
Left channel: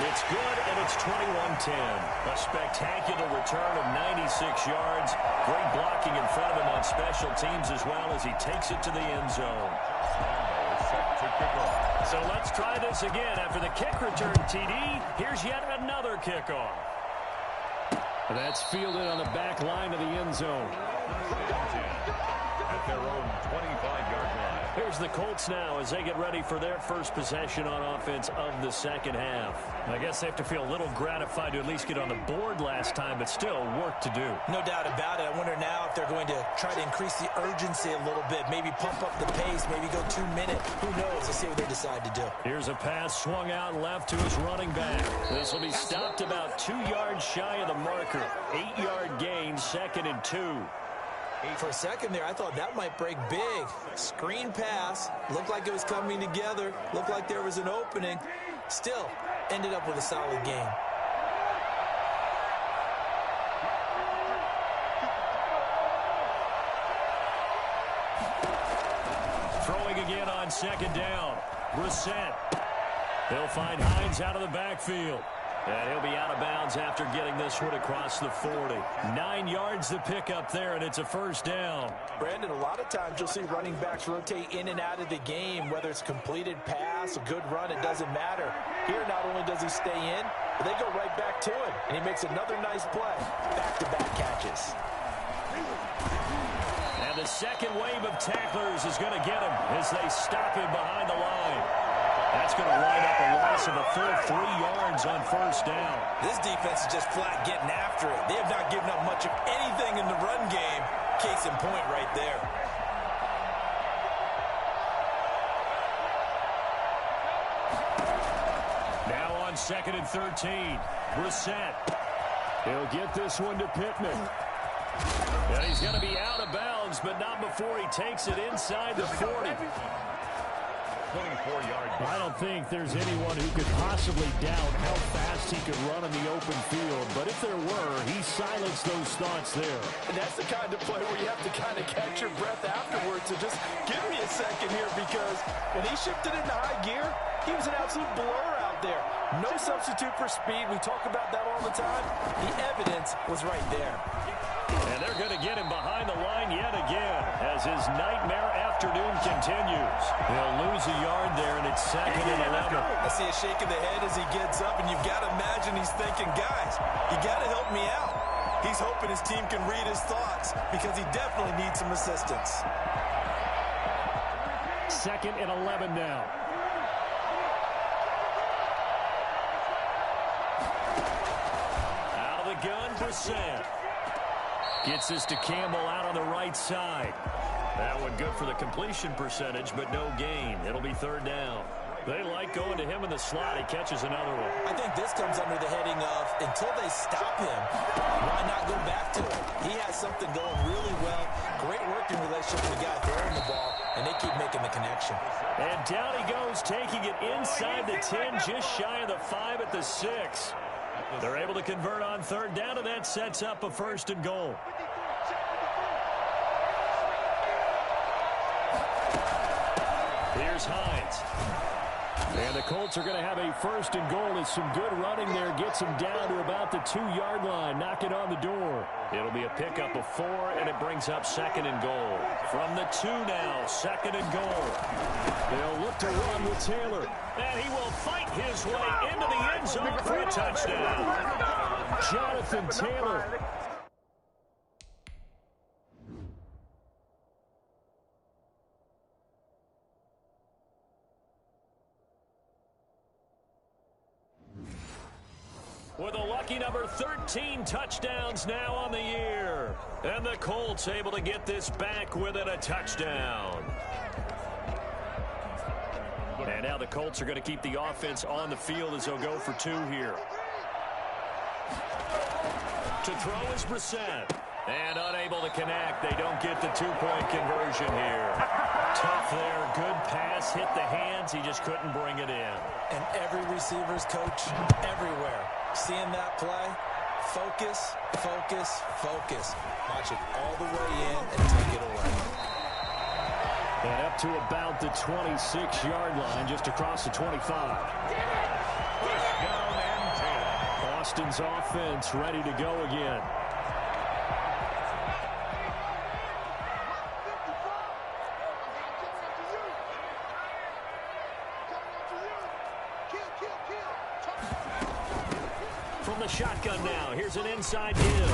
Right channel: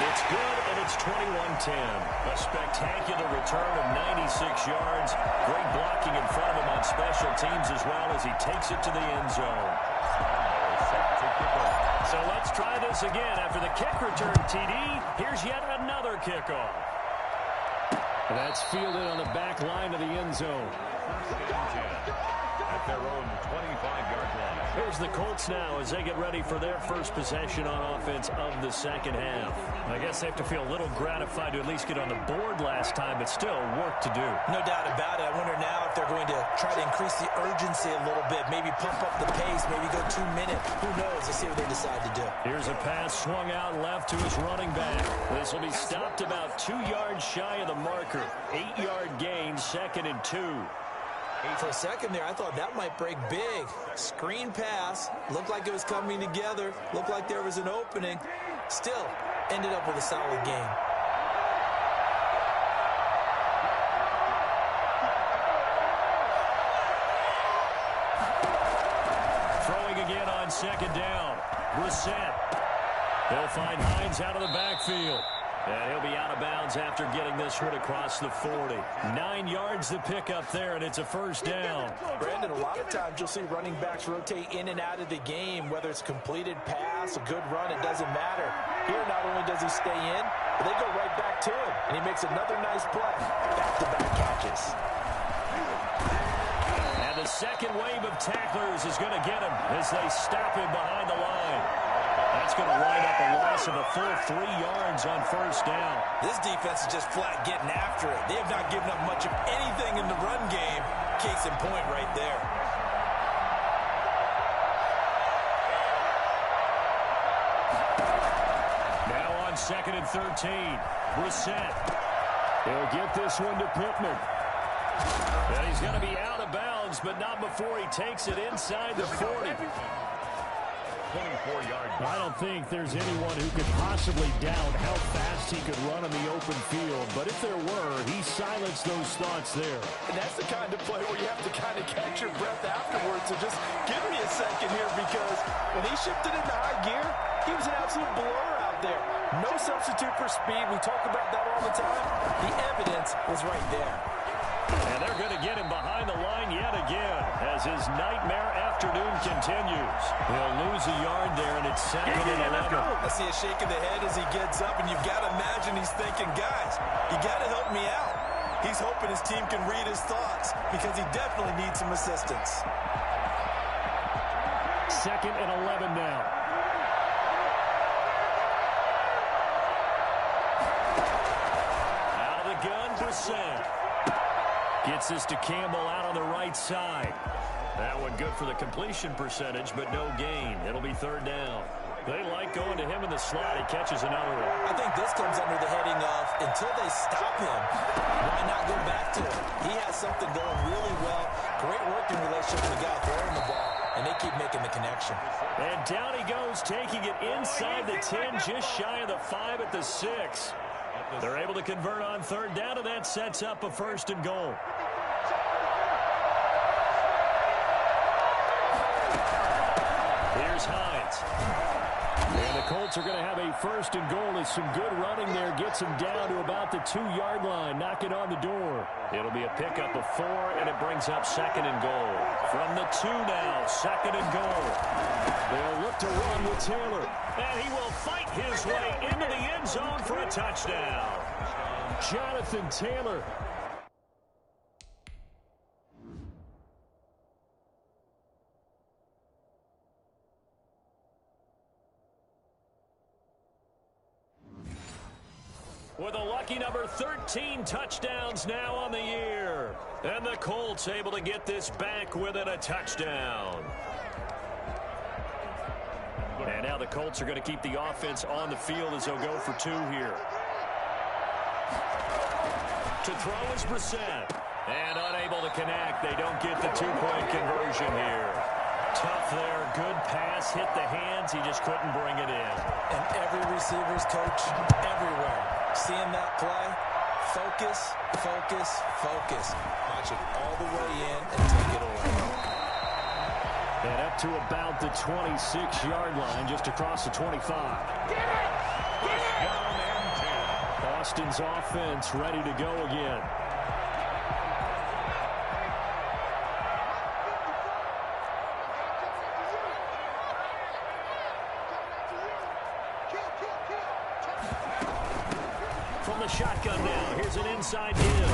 It's good, and it's 21-10. A spectacular return of 96 yards. Great blocking in front of him on special teams as well as he takes it to the end zone. So let's try this again. After the kick return TD, here's yet another kickoff. That's fielded on the back line of the end zone. At their own 25-yard line. Here's the Colts now as they get ready for their first possession on offense of the second half. I guess they have to feel a little gratified to at least get on the board last time, but still work to do. No doubt about it. I wonder now if they're going to try to increase the urgency a little bit, maybe pump up the pace, maybe go 2 minute. Who knows? Let's see what they decide to do. Here's a pass swung out left to his running back. This will be stopped about 2 yards shy of the marker. 8-yard gain, 2nd and 2. For a second there, I thought that might break big. Screen pass. Looked like it was coming together. Looked like there was an opening. Still, ended up with a solid gain. Throwing again on 2nd down. Brissett. They'll find Hines out of the backfield. And he'll be out of bounds after getting this one across the 40. 9 yards to pick up there, and it's a first down. Brandon, a lot of times you'll see running backs rotate in and out of the game, whether it's completed pass, a good run, it doesn't matter. Here, not only does he stay in, but they go right back to him, and he makes another nice play. Back-to-back catches. And the second wave of tacklers is going to get him as they stop him behind the line. That's going to wind up a loss of a full 3 yards on first down. This defense is just flat getting after it. They have not given up much of anything in the run game. Case in point right there. Now on 2nd and 13. Brissett. He'll get this one to Pittman. And he's going to be out of bounds, but not before he takes it inside the 40. 24-yard. I don't think there's anyone who could possibly doubt how fast he could run in the open field. But if there were, he silenced those thoughts there. And that's the kind of play where you have to kind of catch your breath afterwards. So just give me a second here, because when he shifted into high gear, he was an absolute blur out there. No substitute for speed. We talk about that all the time. The evidence was right there. And they're going to get him behind the line yet again as his nightmare afternoon continues. He'll lose a yard there, and it's 2nd and 11. I see a shake of the head as he gets up, and you've got to imagine he's thinking, guys, you got to help me out. He's hoping his team can read his thoughts because he definitely needs some assistance. 2nd and 11 now. Out of the gun, Brissett. Gets this to Campbell out on the right side. That one good for the completion percentage, but no gain. It'll be third down. They like going to him in the slot. He catches another one. I think this comes under the heading of, until they stop him, why not go back to it? He has something going really well. Great working relationship with the guy throwing the ball, and they keep making the connection. And down he goes, taking it inside the 10, just shy of the 5 at the 6. They're able to convert on third down, and that sets up a first and goal. Here's Hines. And the Colts are going to have a first and goal as some good running there gets them down to about the 2-yard line, knocking on the door. It'll be a pickup of 4, and it brings up second and goal. From the 2 now, second and goal. They'll look to run with Taylor. And he will fight his way into the end zone for a touchdown. Jonathan Taylor. With a lucky number 13 touchdowns now on the year. And the Colts able to get this back within a touchdown. And now the Colts are going to keep the offense on the field as they'll go for 2 here. To throw is Brissett. And unable to connect. They don't get the 2-point conversion here. Tough there. Good pass. Hit the hands. He just couldn't bring it in. And every receiver's coach everywhere. Seeing that play, focus, focus, focus. Watch it all the way in and take it away. And up to about the 26-yard line, just across the 25. Down and 10. Austin's offense ready to go again. From the shotgun now, here's an inside give.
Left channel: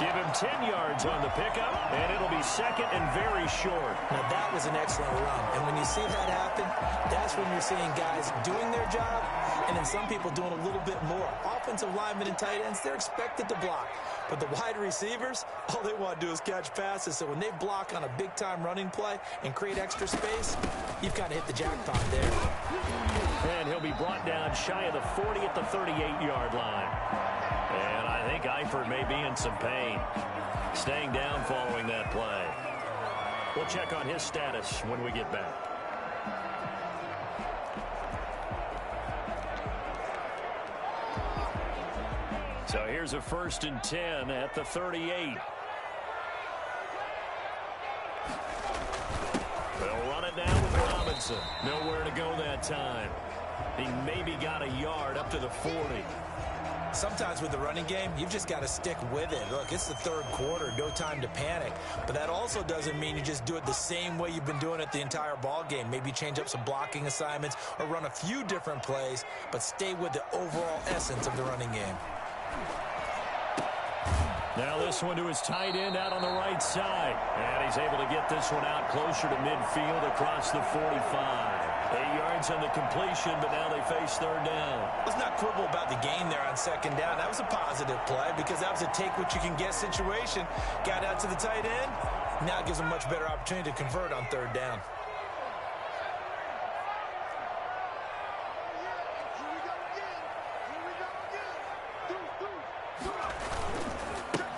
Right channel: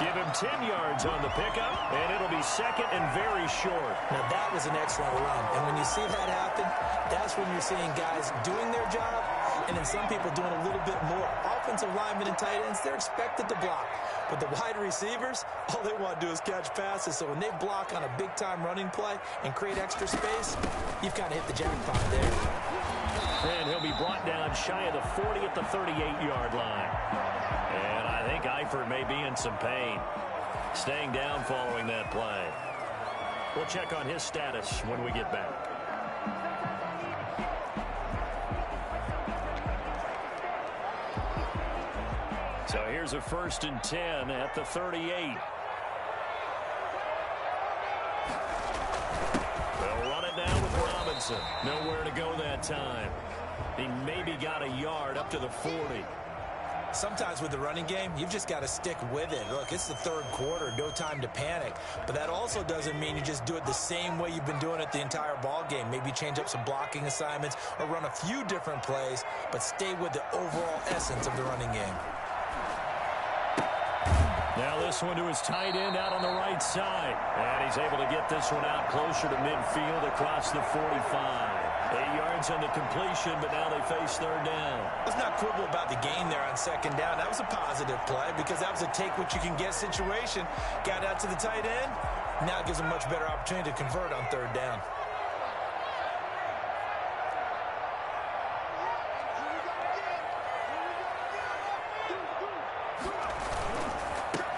Give him 10 yards on the pickup, and it'll be second and very short. Now, that was an excellent run. And when you see that happen, that's when you're seeing guys doing their job, and then some people doing a little bit more. Offensive linemen and tight ends, they're expected to block. But the wide receivers, all they want to do is catch passes. So when they block on a big-time running play and create extra space, you've kind of hit the jackpot there. And he'll be brought down shy of the 40 at the 38-yard line. And I think Eifert may be in some pain. Staying down following that play. We'll check on his status when we get back. So here's a 1st and 10 at the 38. They'll run it now with Robinson. Nowhere to go that time. He maybe got a yard up to the 40. Sometimes with the running game, you've just got to stick with it. Look, it's the third quarter, no time to panic. But that also doesn't mean you just do it the same way you've been doing it the entire ball game. Maybe change up some blocking assignments or run a few different plays, but stay with the overall essence of the running game. Now this one to his tight end out on the right side. And he's able to get this one out closer to midfield across the 45. 8 yards on the completion, but now they face third down. Let's not quibble about the gain there on second down. That was a positive play because that was a take-what-you-can-get situation. Got out to the tight end. Now it gives them a much better opportunity to convert on third down.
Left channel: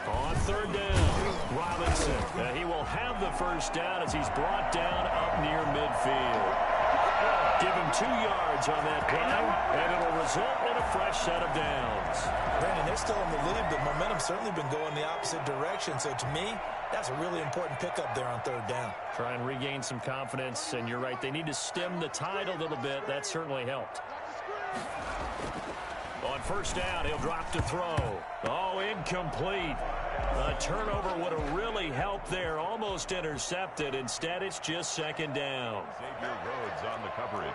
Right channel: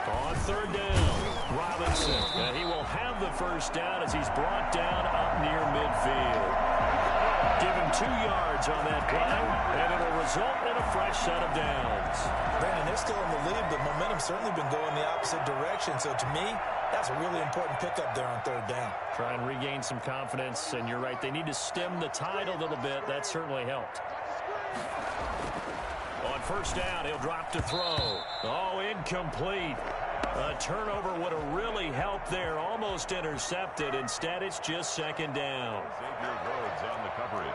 On third down, Robinson. And he will have the first down as he's brought down up near midfield. Give him 2 yards on that play, and it'll result in a fresh set of downs. Brandon, they're still in the lead, but momentum's certainly been going the opposite direction. So to me, that's a really important pickup there on third down. Try and regain some confidence, and you're right. They need to stem the tide a little bit. That certainly helped. On first down, he'll drop to throw. Oh, incomplete. A turnover would have really helped there. Almost intercepted. Instead, it's just second down. Xavier Rhodes on the coverage.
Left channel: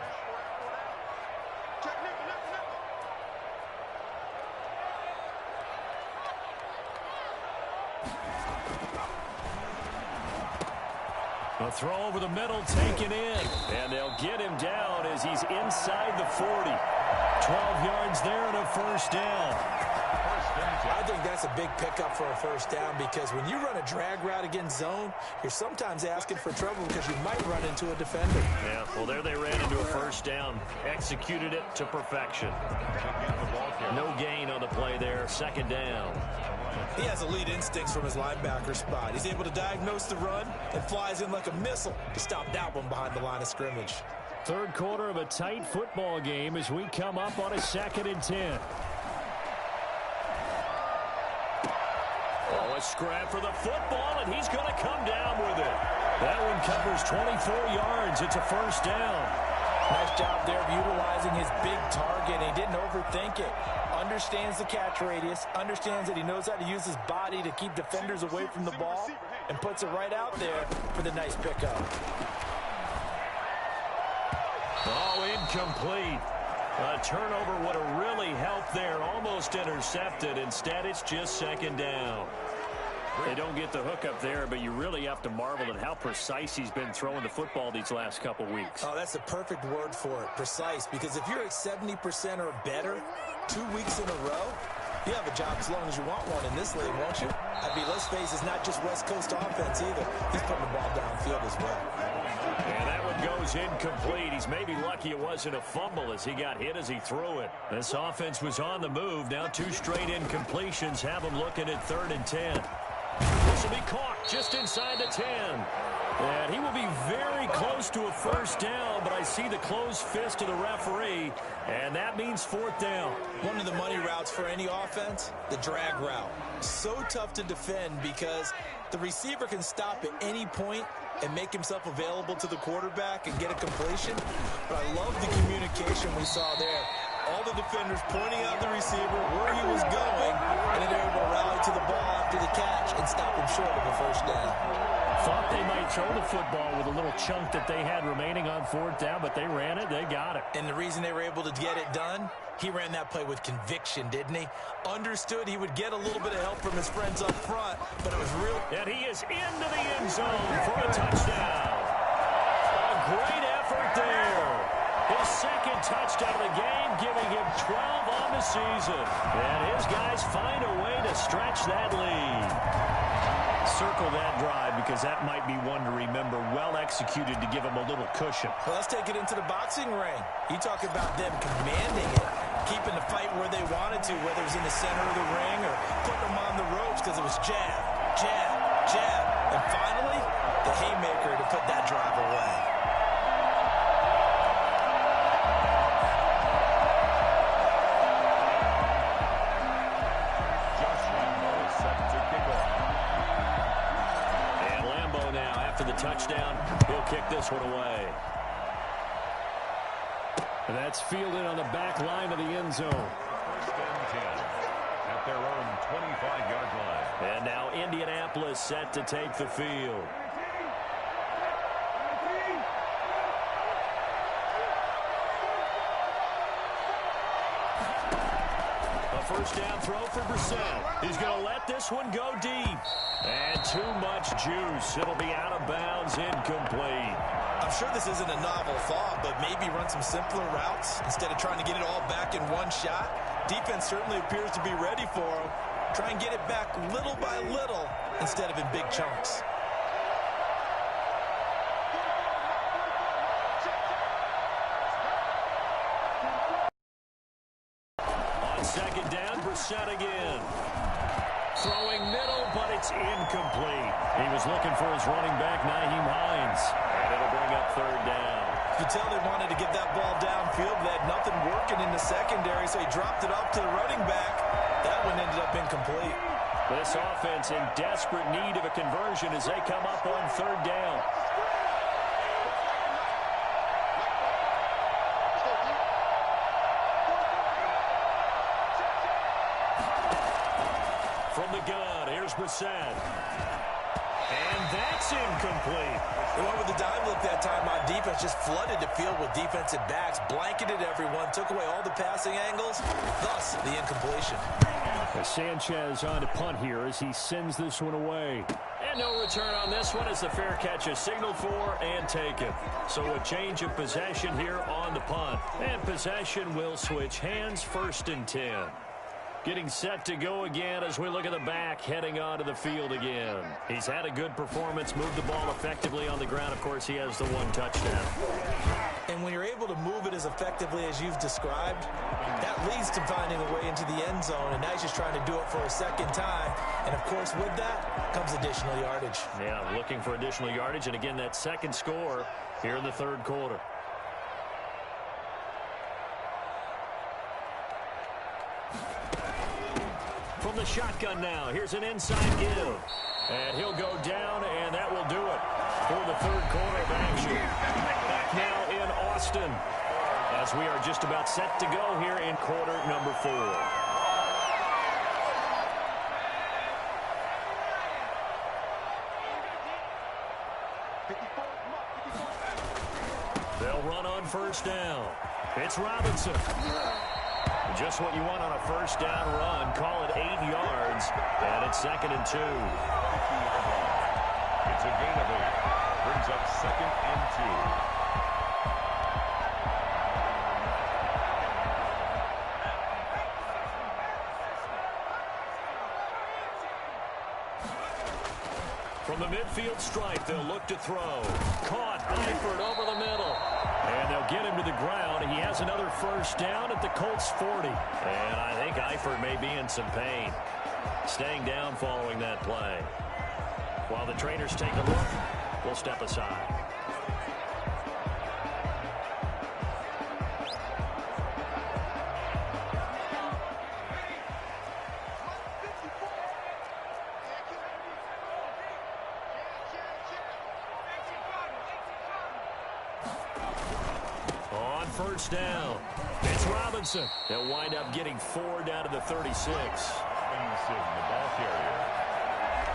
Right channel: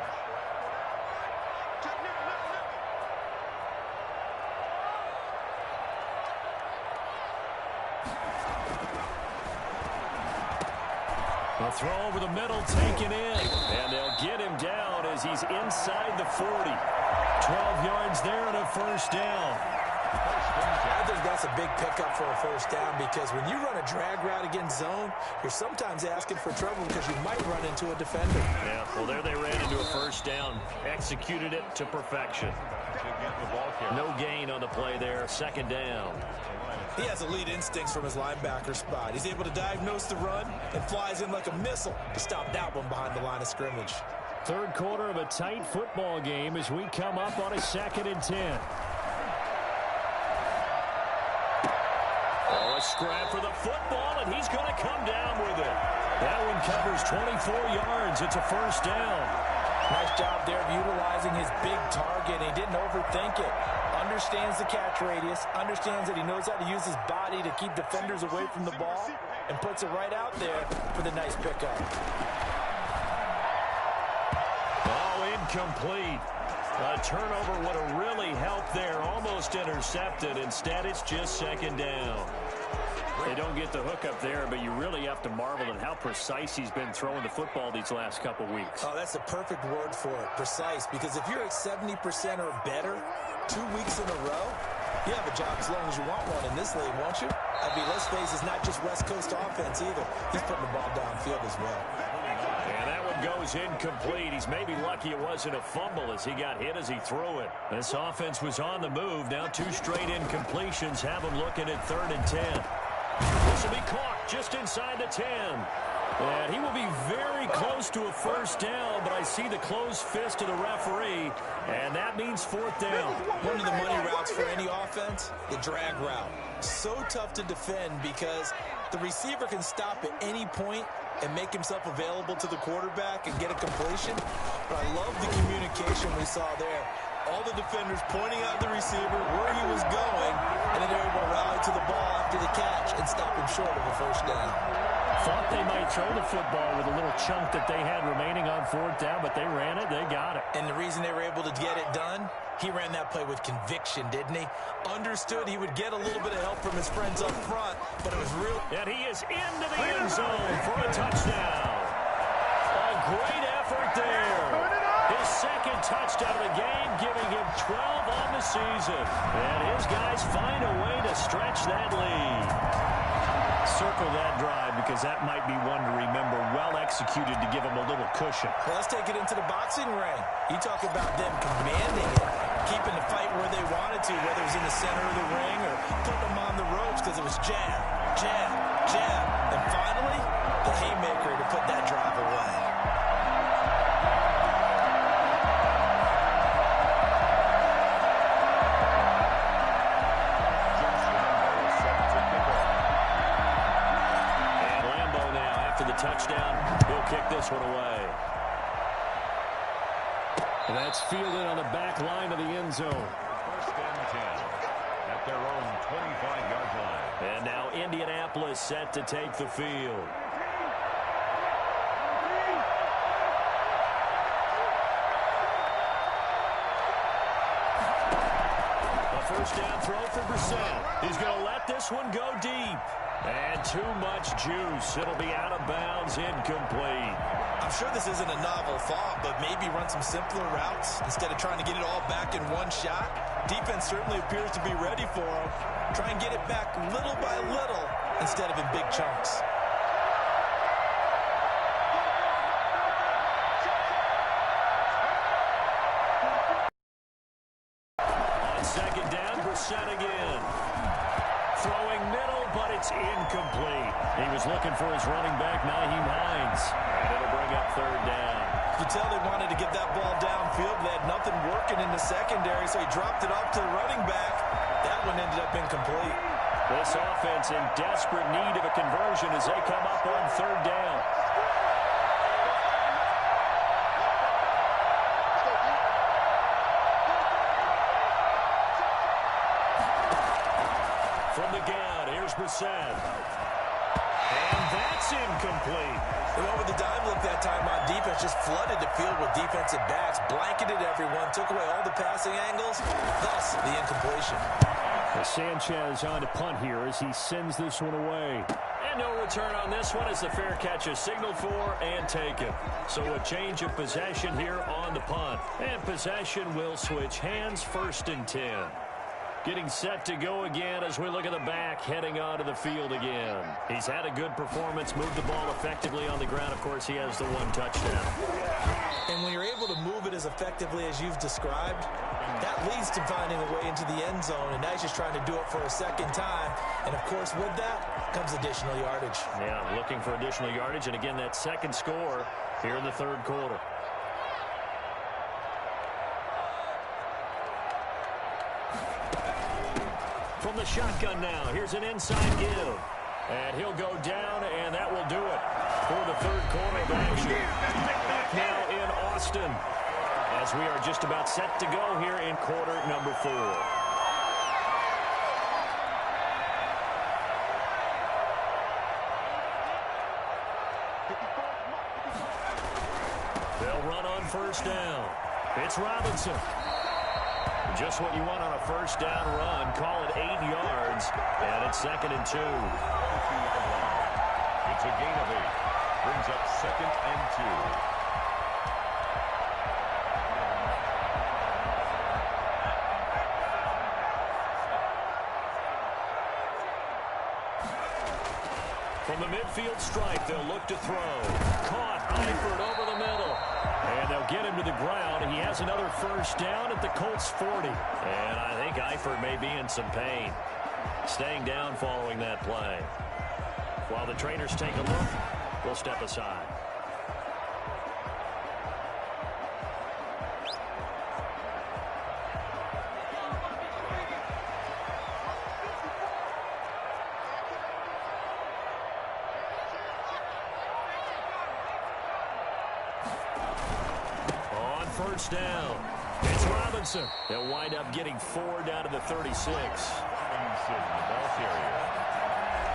A throw over the middle, taken in. And they'll get him down as he's inside the 40. 12 yards there and a first down. I think that's a big pickup for a first down because when you run a drag route against zone, you're sometimes asking for trouble because you might run into a defender. Yeah, well, there they ran into a first down. Executed it to perfection. No gain on the play there. Second down. He has elite instincts from his linebacker spot. He's able to diagnose the run and flies in like a missile to stop that one behind the line of scrimmage. Third quarter of a tight football game as we come up on a 2nd and 10. Oh, a scrap for the football, and he's going to come down with it. That one covers 24 yards. It's a first down. Nice job there of utilizing his big target. He didn't overthink it. Understands the catch radius. Understands that he knows how to use his body to keep defenders away from the ball. And puts it right out there for the nice pickup. Oh, incomplete. A turnover would have really helped there. Almost intercepted. Instead, it's just second down. They don't get the hook up there, but you really have to marvel at how precise he's been throwing the football these last couple weeks. Oh, that's the perfect word for it, precise. Because if you're at 70% or better 2 weeks in a row, you have a job as long as you want one in this league, won't you? I mean, let's face it, it's not just West Coast offense either. He's putting the ball downfield as well. And that one goes incomplete. He's maybe lucky it wasn't a fumble as he got hit as he threw it. This offense was on the move. Now 2 straight incompletions have him looking at 3rd and 10. This will be caught just inside the 10. And he will be very close to a first down, but I see the closed fist of the referee, and that means 4th down. One of the money routes for any offense, the drag route. So tough to defend because the receiver can stop at any point and make himself available to the quarterback and get a completion. But I love the communication we saw there. All the defenders pointing out the receiver where he was going, and then they're able to rally to the ball after the catch and stop him short of a first down. Thought they might throw the football with a little chunk that they had remaining on 4th down, but they ran it, they got it. And the reason they were able to get it done, he ran that play with conviction, didn't he? Understood he would get a little bit of help from his friends up front, but it was real. And he is into the end zone for a touchdown. A great effort there. His 2nd touchdown of the game, giving him 12 on the season. And his guys find a way to stretch that lead. Circle that drive because that might be one to remember. Well executed to give him a little cushion. Well, let's take it into the boxing ring. You talk about them commanding it, keeping the fight where they wanted to, whether it was in the center of the ring or putting them on the ropes because it was jab, jab, jab. And finally, the haymaker to put that drive away. The touchdown, he'll kick this one away. And that's fielded on the back line of the end zone. 1st and 10 at their own 25-yard line. And now Indianapolis set to take the field. A first down throw for Brissett. He's going to let this one go deep. And too much juice. It'll be out of bounds, incomplete. I'm sure this isn't a novel thought, but maybe run some simpler routes instead of trying to get it all back in one shot. Defense certainly appears to be ready for him. Try and get it back little by little instead of in big chunks. On 2nd down, Brissett again. Throwing middle, but it's incomplete. He was looking for his running back, Nyheim Hines. And it'll bring up 3rd down. You could tell they wanted to get that ball downfield. They had nothing working in the secondary, so he dropped it off to the running back. That one ended up incomplete. This offense in desperate need of a conversion as they come up on 3rd down. From the gun, here's Brissett. And that's incomplete. They went with the dime look that time on defense, just flooded the field with defensive backs, blanketed everyone, took away all the passing angles, thus the incompletion. Sanchez on to punt here as he sends this one away. And no return on this one as the fair catch is signaled for and taken. So a change of possession here on the punt. And possession will switch hands, 1st and 10. Getting set to go again as we look at the back, heading onto the field again. He's had a good performance, moved the ball effectively on the ground. Of course, he has the one touchdown. And when you're able to move it as effectively as you've described, that leads to finding a way into the end zone, and now he's just trying to do it for a second time. And, of course, with that comes additional yardage. Yeah, looking for additional yardage, and again, that second score here in the third quarter. From the shotgun now, here's an inside give. And he'll go down, and that will do it for the third quarter of action. Back now in Austin, as we are just about set to go here in quarter number 4. They'll run on first down. It's Robinson. Just what you want on a first down run. Call it 8 yards, and it's 2nd and 2. It's a gain of 8. Brings up 2nd and 2. From the midfield stripe, they'll look to throw. Caught, Eifert over the middle. And they'll get him to the ground. He has another first down at the Colts 40. And I think Eifert may be in some pain. Staying down following that play. While the trainers take a look, we'll step aside. First down. It's Robinson. They'll wind up getting 4 down to the 36. Robinson, the ball carrier.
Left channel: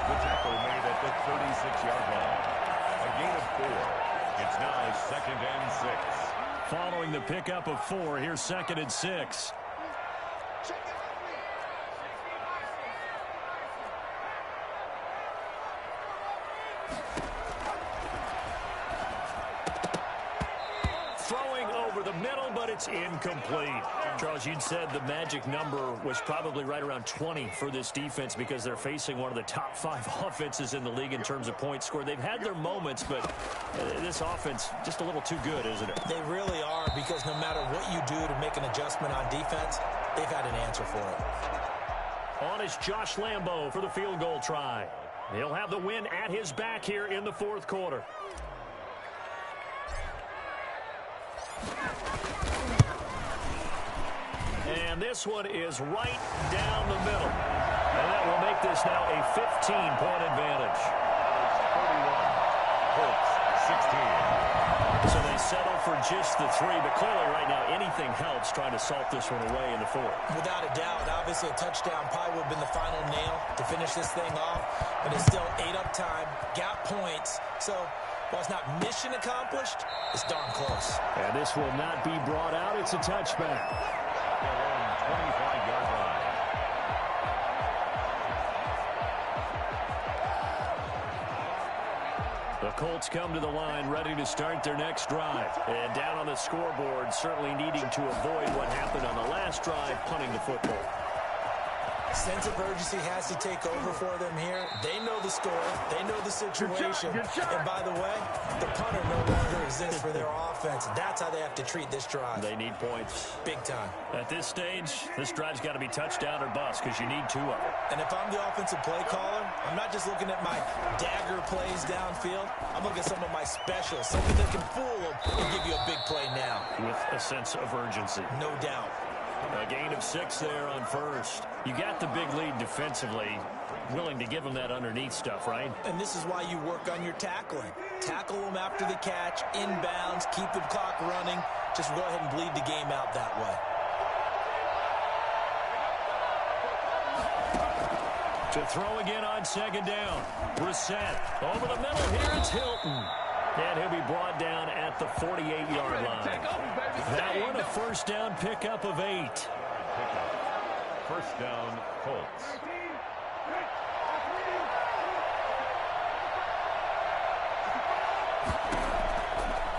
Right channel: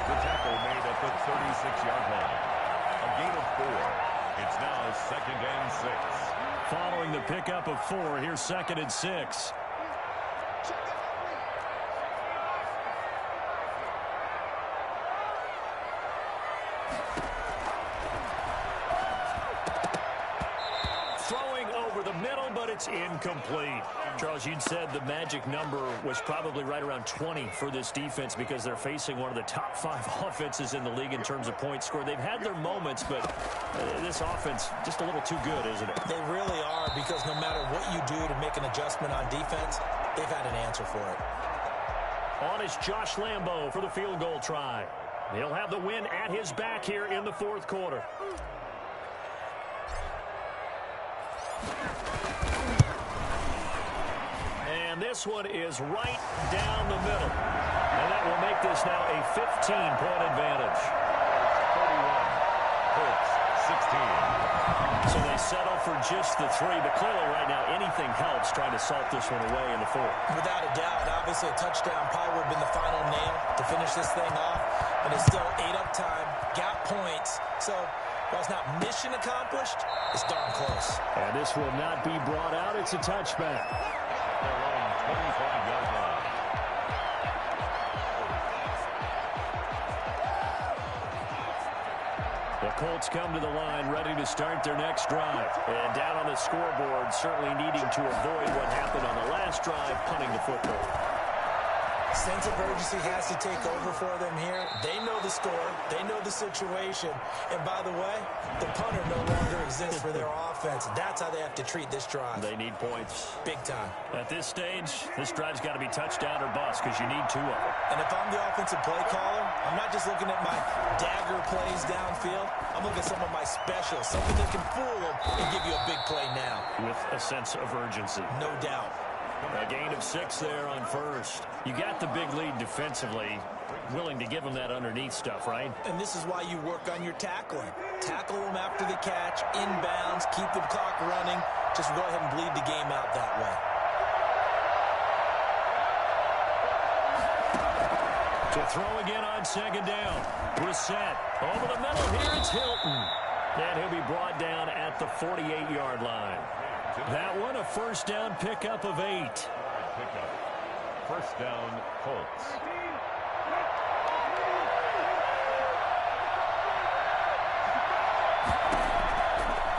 The tackle made at the 36-yard line. A gain of 4. It's now 2nd and 6. Following the pickup of 4, here's 2nd and 6. It's incomplete. Charles, you'd said the magic number was probably right around 20 for this defense because they're facing one of the top 5 offenses in the league in terms of points scored. They've had their moments, but this offense just a little too good, isn't it? They really are, because no matter what you do to make an adjustment on defense, they've had an answer for it. On is Josh Lambo for the field goal try. He'll have the win at his back here in the fourth quarter. And this one is right down the middle. And that will make this now a 15-point advantage. 31. Colts 16. So they settle for just the 3, but clearly right now anything helps trying to salt this one away in the 4th. Without a doubt, obviously a touchdown probably would have been the final nail to finish this thing off, but it's still 8 up time, got points. So while it's not mission accomplished, it's darn close. And this will not be brought out. It's a touchback. Their own 25-yard line. The Colts come to the line ready to start their next drive. And down on the scoreboard, certainly needing to avoid what happened on the last drive, punting the football. Sense of urgency has to take over for them here. They know the score. They know the situation. And by the way, the punter no longer exists for their offense. That's how they have to treat this drive. They need points. Big time. At this stage, this drive's got to be touchdown or bust because you need 2 of them. And if I'm the offensive play caller, I'm not just looking at my dagger plays downfield. I'm looking at some of my specials, something that can fool them and give you a big play now. With a sense of urgency. No doubt. A gain of 6 there on first. You got the big lead defensively. Willing to give them that underneath stuff, right? And this is why you work on your tackling. Tackle them after the catch, inbounds, keep the clock running. Just go ahead and bleed the game out that way. To throw again on second down. Brissett over the middle. Here it's Hilton. And he'll be brought down at the 48-yard line. That one, a first down pickup of 8. First down, Colts.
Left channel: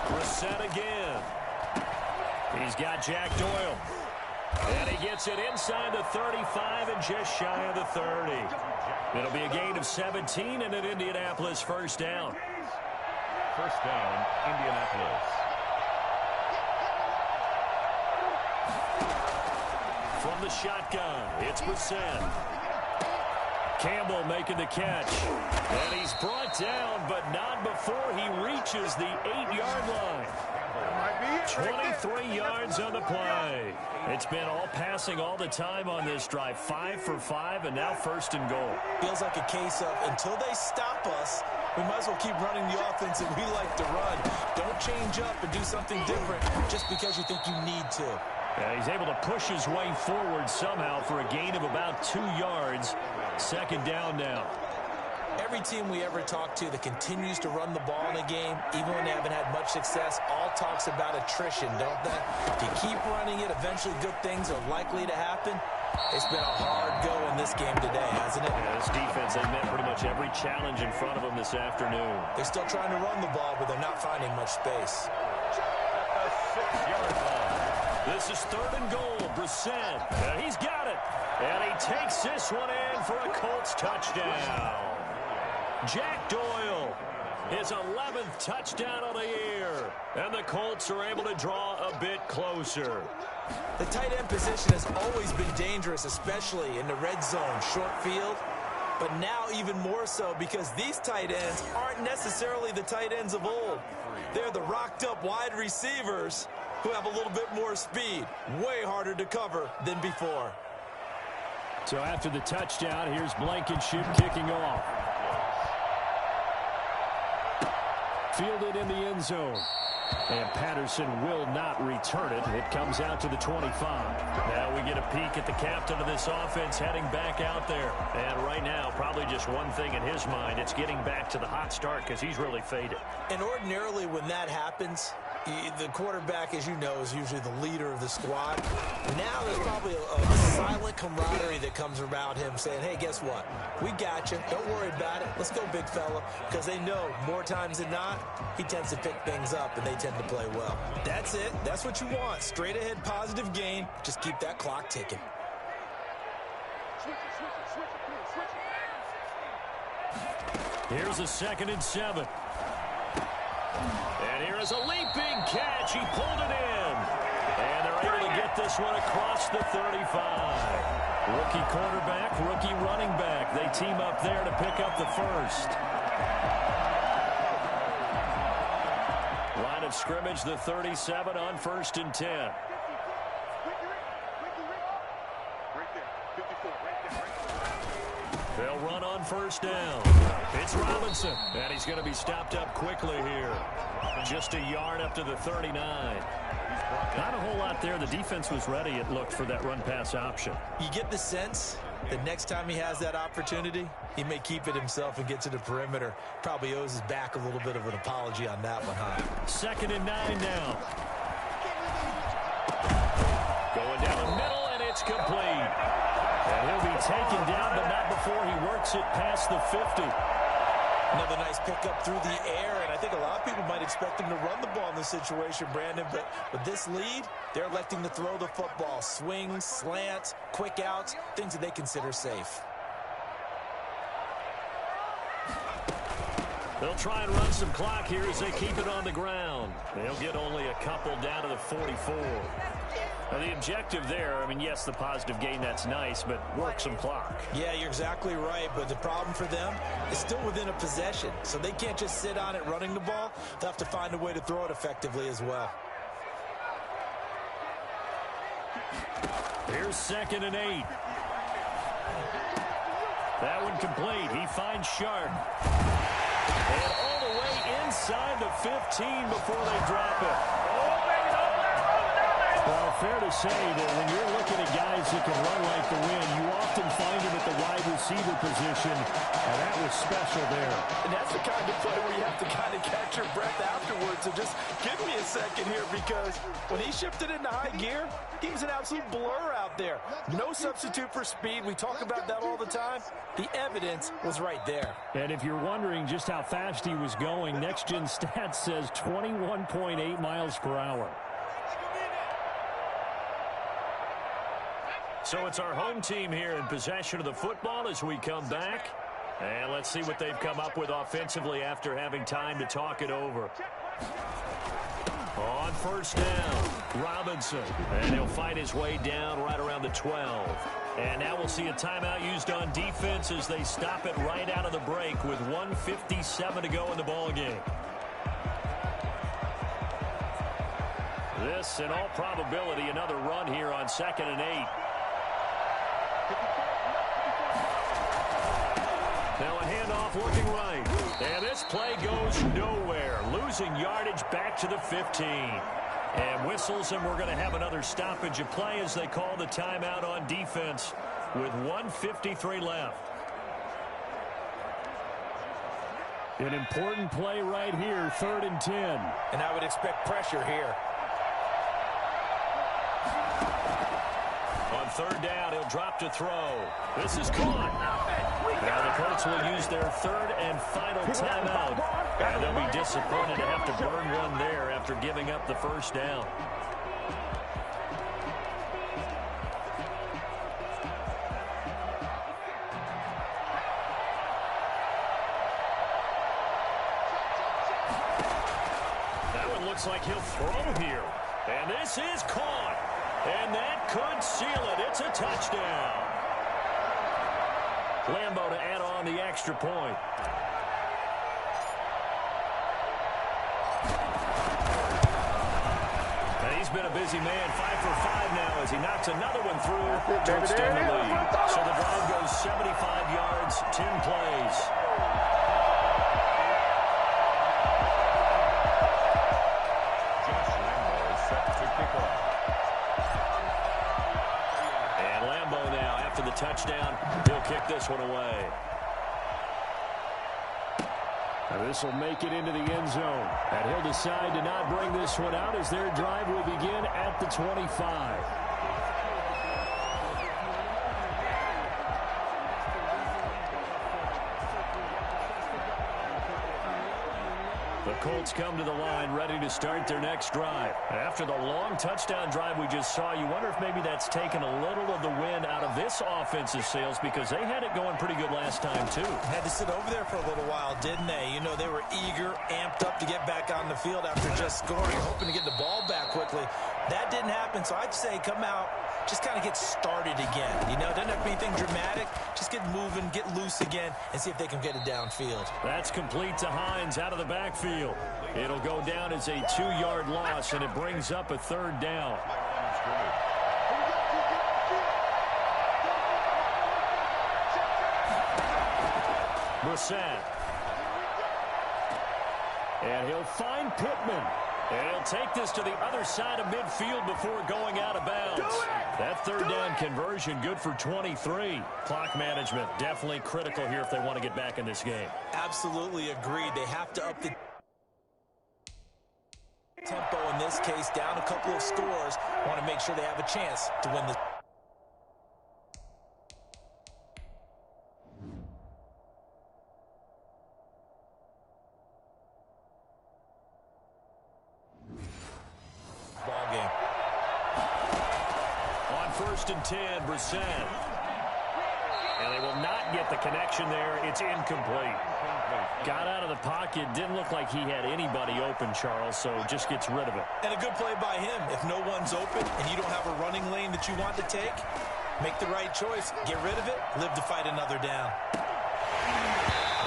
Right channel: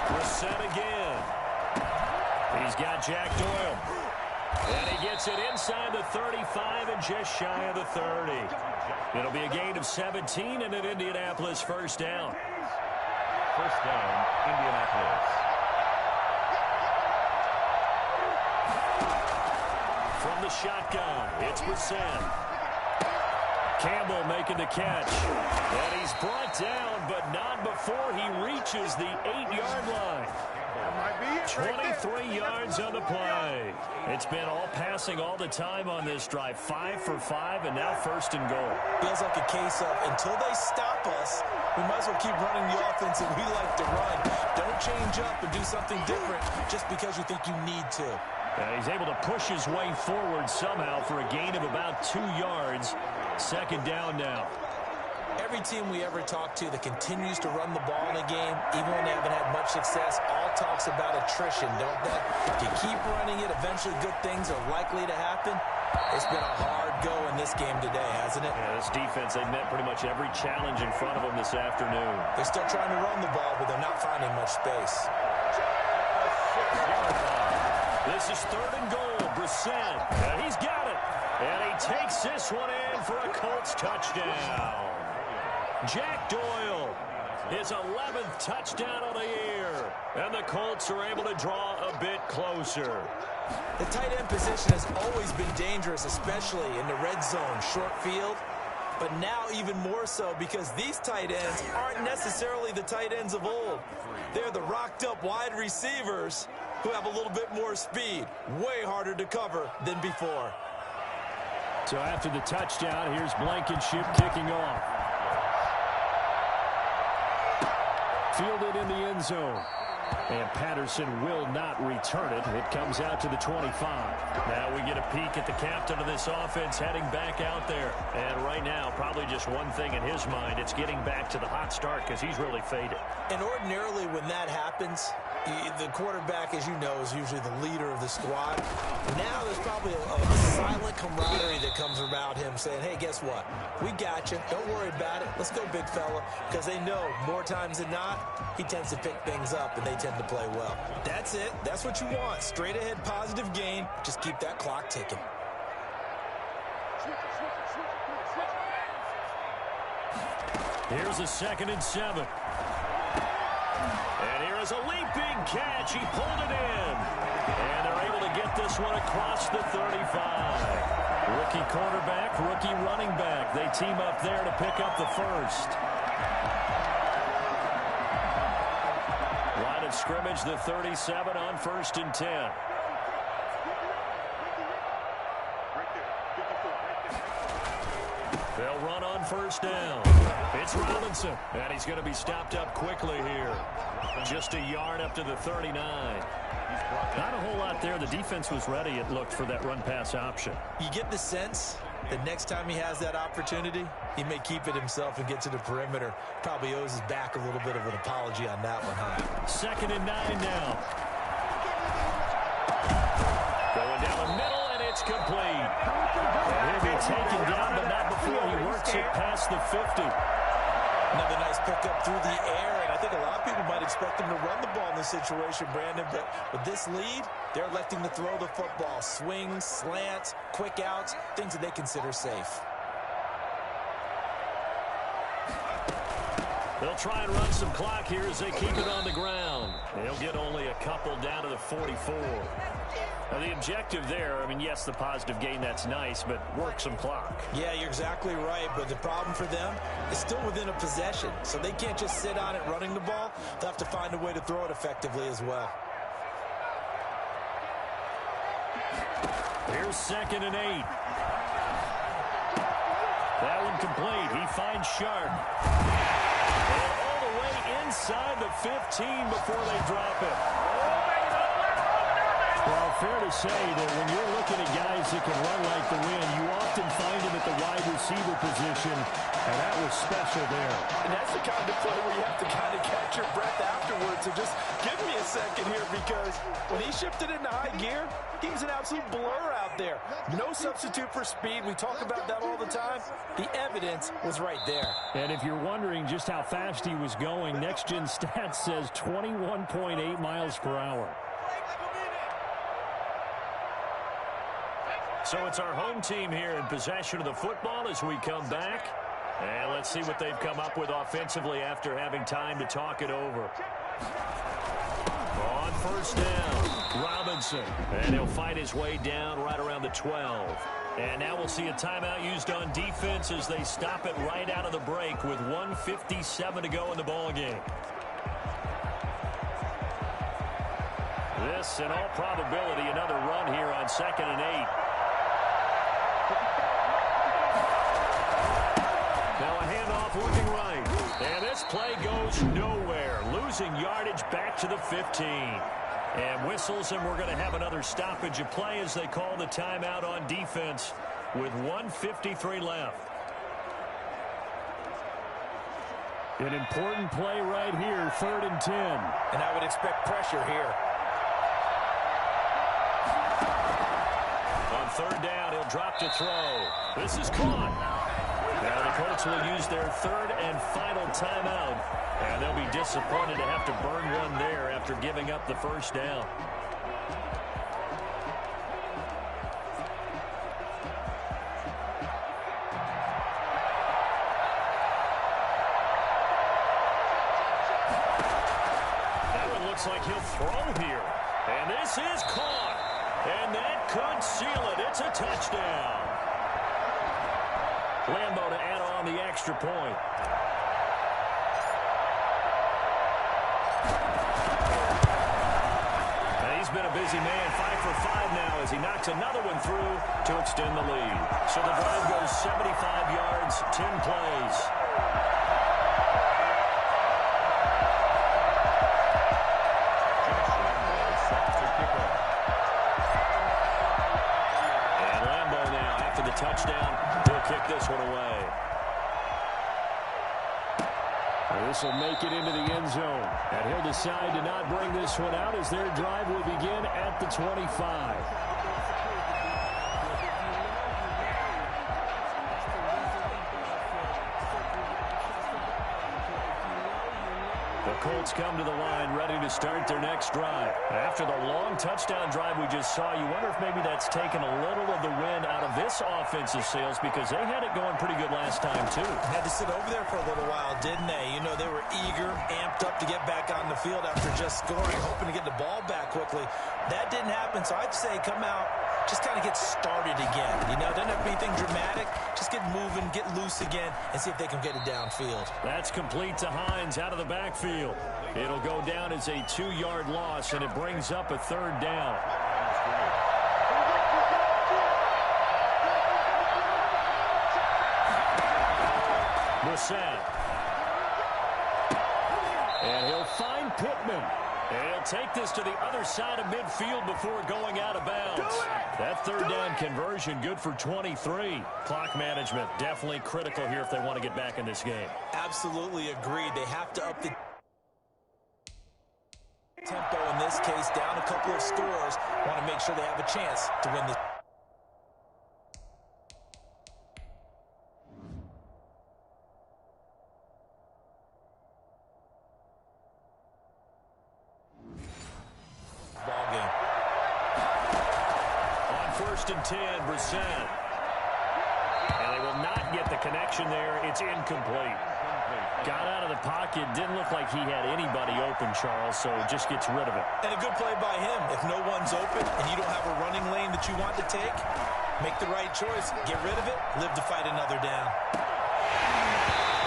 Brissett again. He's got Jack Doyle. And he gets it inside the 35 and just shy of the 30. It'll be a gain of 17 and an Indianapolis first down. First down, Indianapolis. From the shotgun, it's Brissett. Campbell making the catch. And he's brought down, but not before he reaches the 8-yard line. 23 yards on the play. It's been all passing all the time on this drive. 5 for 5, and now first and goal. Feels like a case of until they stop us, we might as well keep running the offense that we like to run. Don't change up and do something different just because you think you need to. And he's able to push his way forward somehow for a gain of about 2 yards. Second down now. Every team we ever talk to that continues to run the ball in a game, even when they haven't had much success, all talks about attrition, don't they? If you keep running it, eventually good things are likely to happen. It's been a hard go in this game today, hasn't it? Yeah, this defense, they've met pretty much every challenge in front of them this afternoon. They're still trying to run the ball, but they're not finding much space. A 6-yard line. This is third and goal. Brissett. He's got it. And he takes this one in for a Colts touchdown. Jack Doyle, his 11th touchdown of the year. And the Colts are able to draw a bit closer. The tight end position has always been dangerous, especially in the red zone, short field. But now even more so because these tight ends aren't necessarily the tight ends of old. They're the rocked-up wide receivers who have a little bit more speed. Way harder to cover than before. So after the touchdown, here's Blankenship kicking off. Fielded in the end zone. And Patterson will not return it. It comes out to the 25. Now we get a peek at the captain of this offense heading back out there. And right now, probably just one thing in his mind. It's getting back to the hot start because he's really faded. And ordinarily when that happens, the quarterback, as you know, is usually the leader of the squad. Now there's probably a silent camaraderie that comes about him saying, hey, guess what? We got you. Don't worry about it. Let's go, big fella. Because they know more times than not, he tends to pick things up, and they tend to play well. That's it. That's what you want. Straight ahead, positive gain. Just keep that clock ticking. Here's a 2nd and 7. And here is a leaping catch. He pulled it in. And they're able to get this one across the 35. Rookie quarterback, rookie running back. They team up there to pick up the first. Line of scrimmage, the 37 on 1st and 10. They'll run on first down. It's Robinson, and he's going to be stopped up quickly here. Just a yard up to the 39. Not a whole lot there. The defense was ready, it looked, for that run-pass option. You get the sense that next time he has that opportunity, he may keep it himself and get to the perimeter. Probably owes his back a little bit of an apology on that one, huh? 2nd and 9 now. Going down the middle, and it's complete. And he'll be taken down, but not before he works it past the 50. Another nice pickup through the air, and I think a lot of people might expect him to run the ball in this situation, Brandon, but with this lead, they're electing to throw the football. Swings, slants, quick outs, things that they consider safe. They'll try and run some clock here as they keep it on the ground. They'll get only a couple down to the 44. Now, the objective there, I mean, yes, the positive gain, that's nice, but work some clock. Yeah, you're exactly right, but the problem for them is still within a possession, so they can't just sit on it running the ball. They'll have to find a way to throw it effectively as well. Here's 2nd and 8. That one complete. He finds Sharp. And all the way inside the 15 before they drop it. Well, fair to say that when you're looking at guys that can run like the wind, you often find them at the wide receiver position, and that was special there. And that's the kind of play where you have to kind of catch your breath afterwards. So just give me a second here, because when he shifted into high gear, he was an absolute blur out there. No substitute for speed. We talk about that all the time. The evidence was right there. And if you're wondering just how fast he was going, Next Gen Stats says 21.8 miles per hour. So it's our home team here in possession of the football as we come back. And let's see what they've come up with offensively after having time to talk it over. On first down, Robinson. And he'll fight his way down right around the 12. And now we'll see a timeout used on defense as they stop it right out of the break with 1:57 to go in the ballgame. This, in all probability, another run here on 2nd and 8. Now a handoff looking right. And this play goes nowhere. Losing yardage back to the 15. And whistles, and we're going to have another stoppage of play as they call the timeout on defense with 1:53 left. An important play right here, 3rd and 10. And I would expect pressure here. On 3rd down, he'll drop to throw. This is caught. Now the Colts will use their 3rd and final timeout. And they'll be disappointed to have to burn one there after giving up the 1st down. That one looks like he'll throw here. And this is caught. And that could seal it. It's a touchdown. Lambo to add on the extra point. And he's been a busy man, 5 for 5 now as he knocks another one through to extend the lead. So the drive goes 75 yards, 10 plays. Josh Lambo is set to kick off. And Lambo now, after the touchdown, he'll kick this one away. This will make it into the end zone. And he'll decide to not bring this one out as their drive will begin at the 25. The Colts come to the line ready to start their next drive. After the long touchdown drive we just saw, you wonder if maybe that's taken a little of the wind out of this offensive sails because they had it going pretty good last time too. Had to sit over there for a little while, didn't they? You know, they were eager, amped up to get back on the field after just scoring, hoping to get the ball back quickly. That didn't happen, so I'd say come out, just kind of get started again. You know, it doesn't have to be anything dramatic. Just get moving, get loose again, and see if they can get it downfield. That's complete to Hines out of the backfield. It'll go down as a 2-yard loss, and it brings up a 3rd down. Brissett. And he'll find Pittman. And he'll take this to the other side of midfield before going out of bounds. That 3rd down conversion good for 23. Clock management definitely critical here if they want to get back in this game. Absolutely agreed. They have to up the tempo in this case, down a couple of scores. Want to make sure they have a chance to win this. Ball game. On 1st and 10, Brissett. And they will not get the connection there. It's incomplete. Got out of the pocket. Didn't look like he had anybody open, Charles, so just gets rid of it. And a good play by him. If no one's open and you don't have a running lane that you want to take, make the right choice. Get rid of it. Live to fight another down.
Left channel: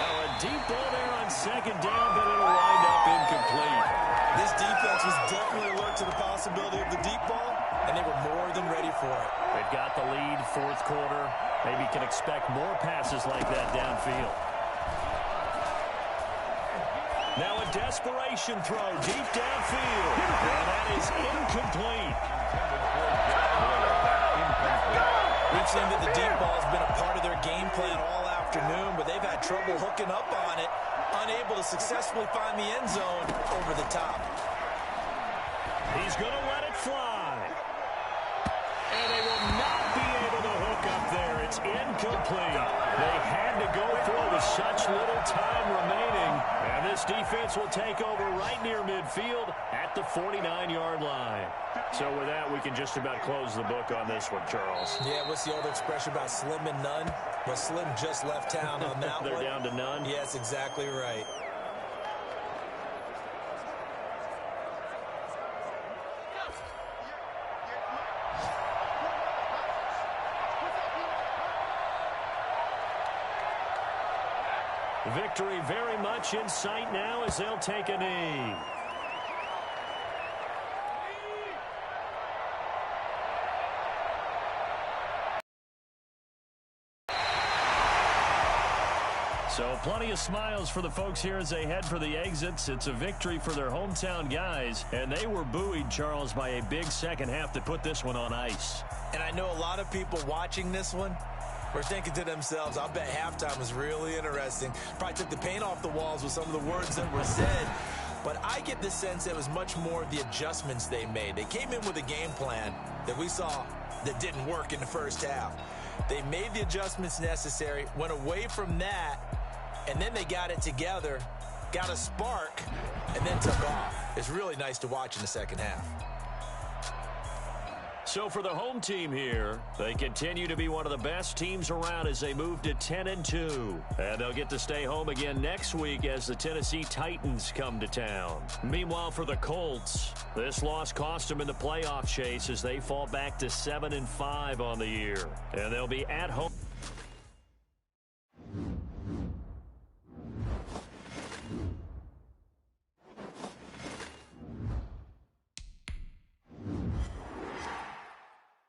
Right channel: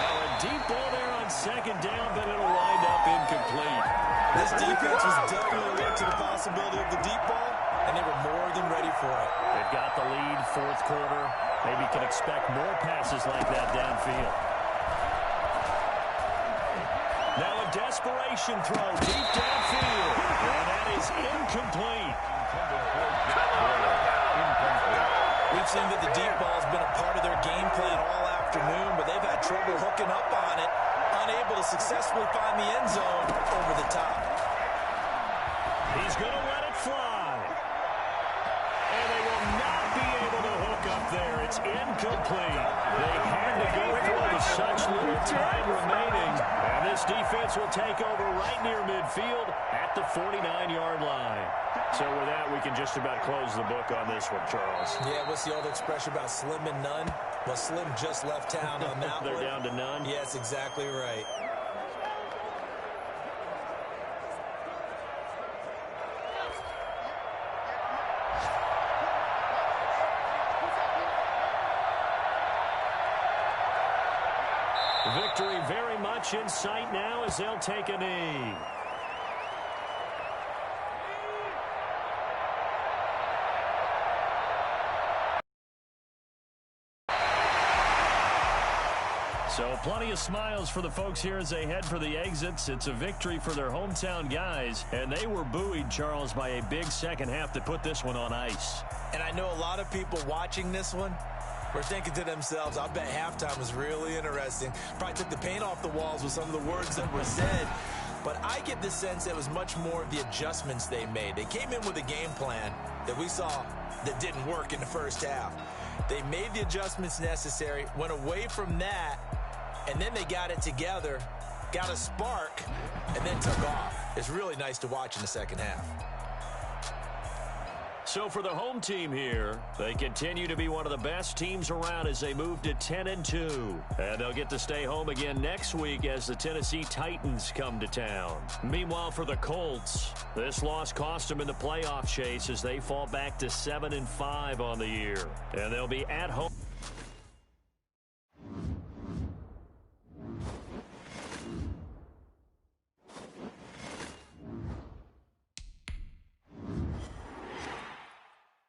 Now a deep ball there on 2nd down, but it'll wind up incomplete. This defense was definitely alert to the possibility of the deep ball, and they were more than ready for it. They've got the lead, 4th quarter. Maybe can expect more passes like that downfield. Now a desperation throw deep downfield. And that is incomplete. We've seen that the deep ball has been a part of their game plan all afternoon, but they've had trouble hooking up on it, unable to successfully find the end zone over the top. He's going to let it fly. And they will not be able to hook up there. It's incomplete. They had to go for it with such little time remaining. And this defense will take over right near midfield at the 49-yard line. So with that, we can just about close the book on this one, Charles. Yeah, what's the old expression about slim and none? Well, Slim just left town on that one. They're down to none? Yes, exactly right. Victory very much in sight now as they'll take a knee. So plenty of smiles for the folks here as they head for the exits. It's a victory for their hometown guys, and they were buoyed, Charles, by a big second half that put this one on ice. And I know a lot of people watching this one were thinking to themselves, I bet halftime was really interesting. Probably took the paint off the walls with some of the words that were said. But I get the sense it was much more of the adjustments they made. They came in with a game plan that we saw that didn't work in the first half. They made the adjustments necessary, went away from that, and then they got it together, got a spark, and then took off. It's really nice to watch in the second half. So for the home team here, they continue to be one of the best teams around as they move to 10-2. And they'll get to stay home again next week as the Tennessee Titans come to town. Meanwhile, for the Colts, this loss cost them in the playoff chase as they fall back to 7-5 on the year. And they'll be at home.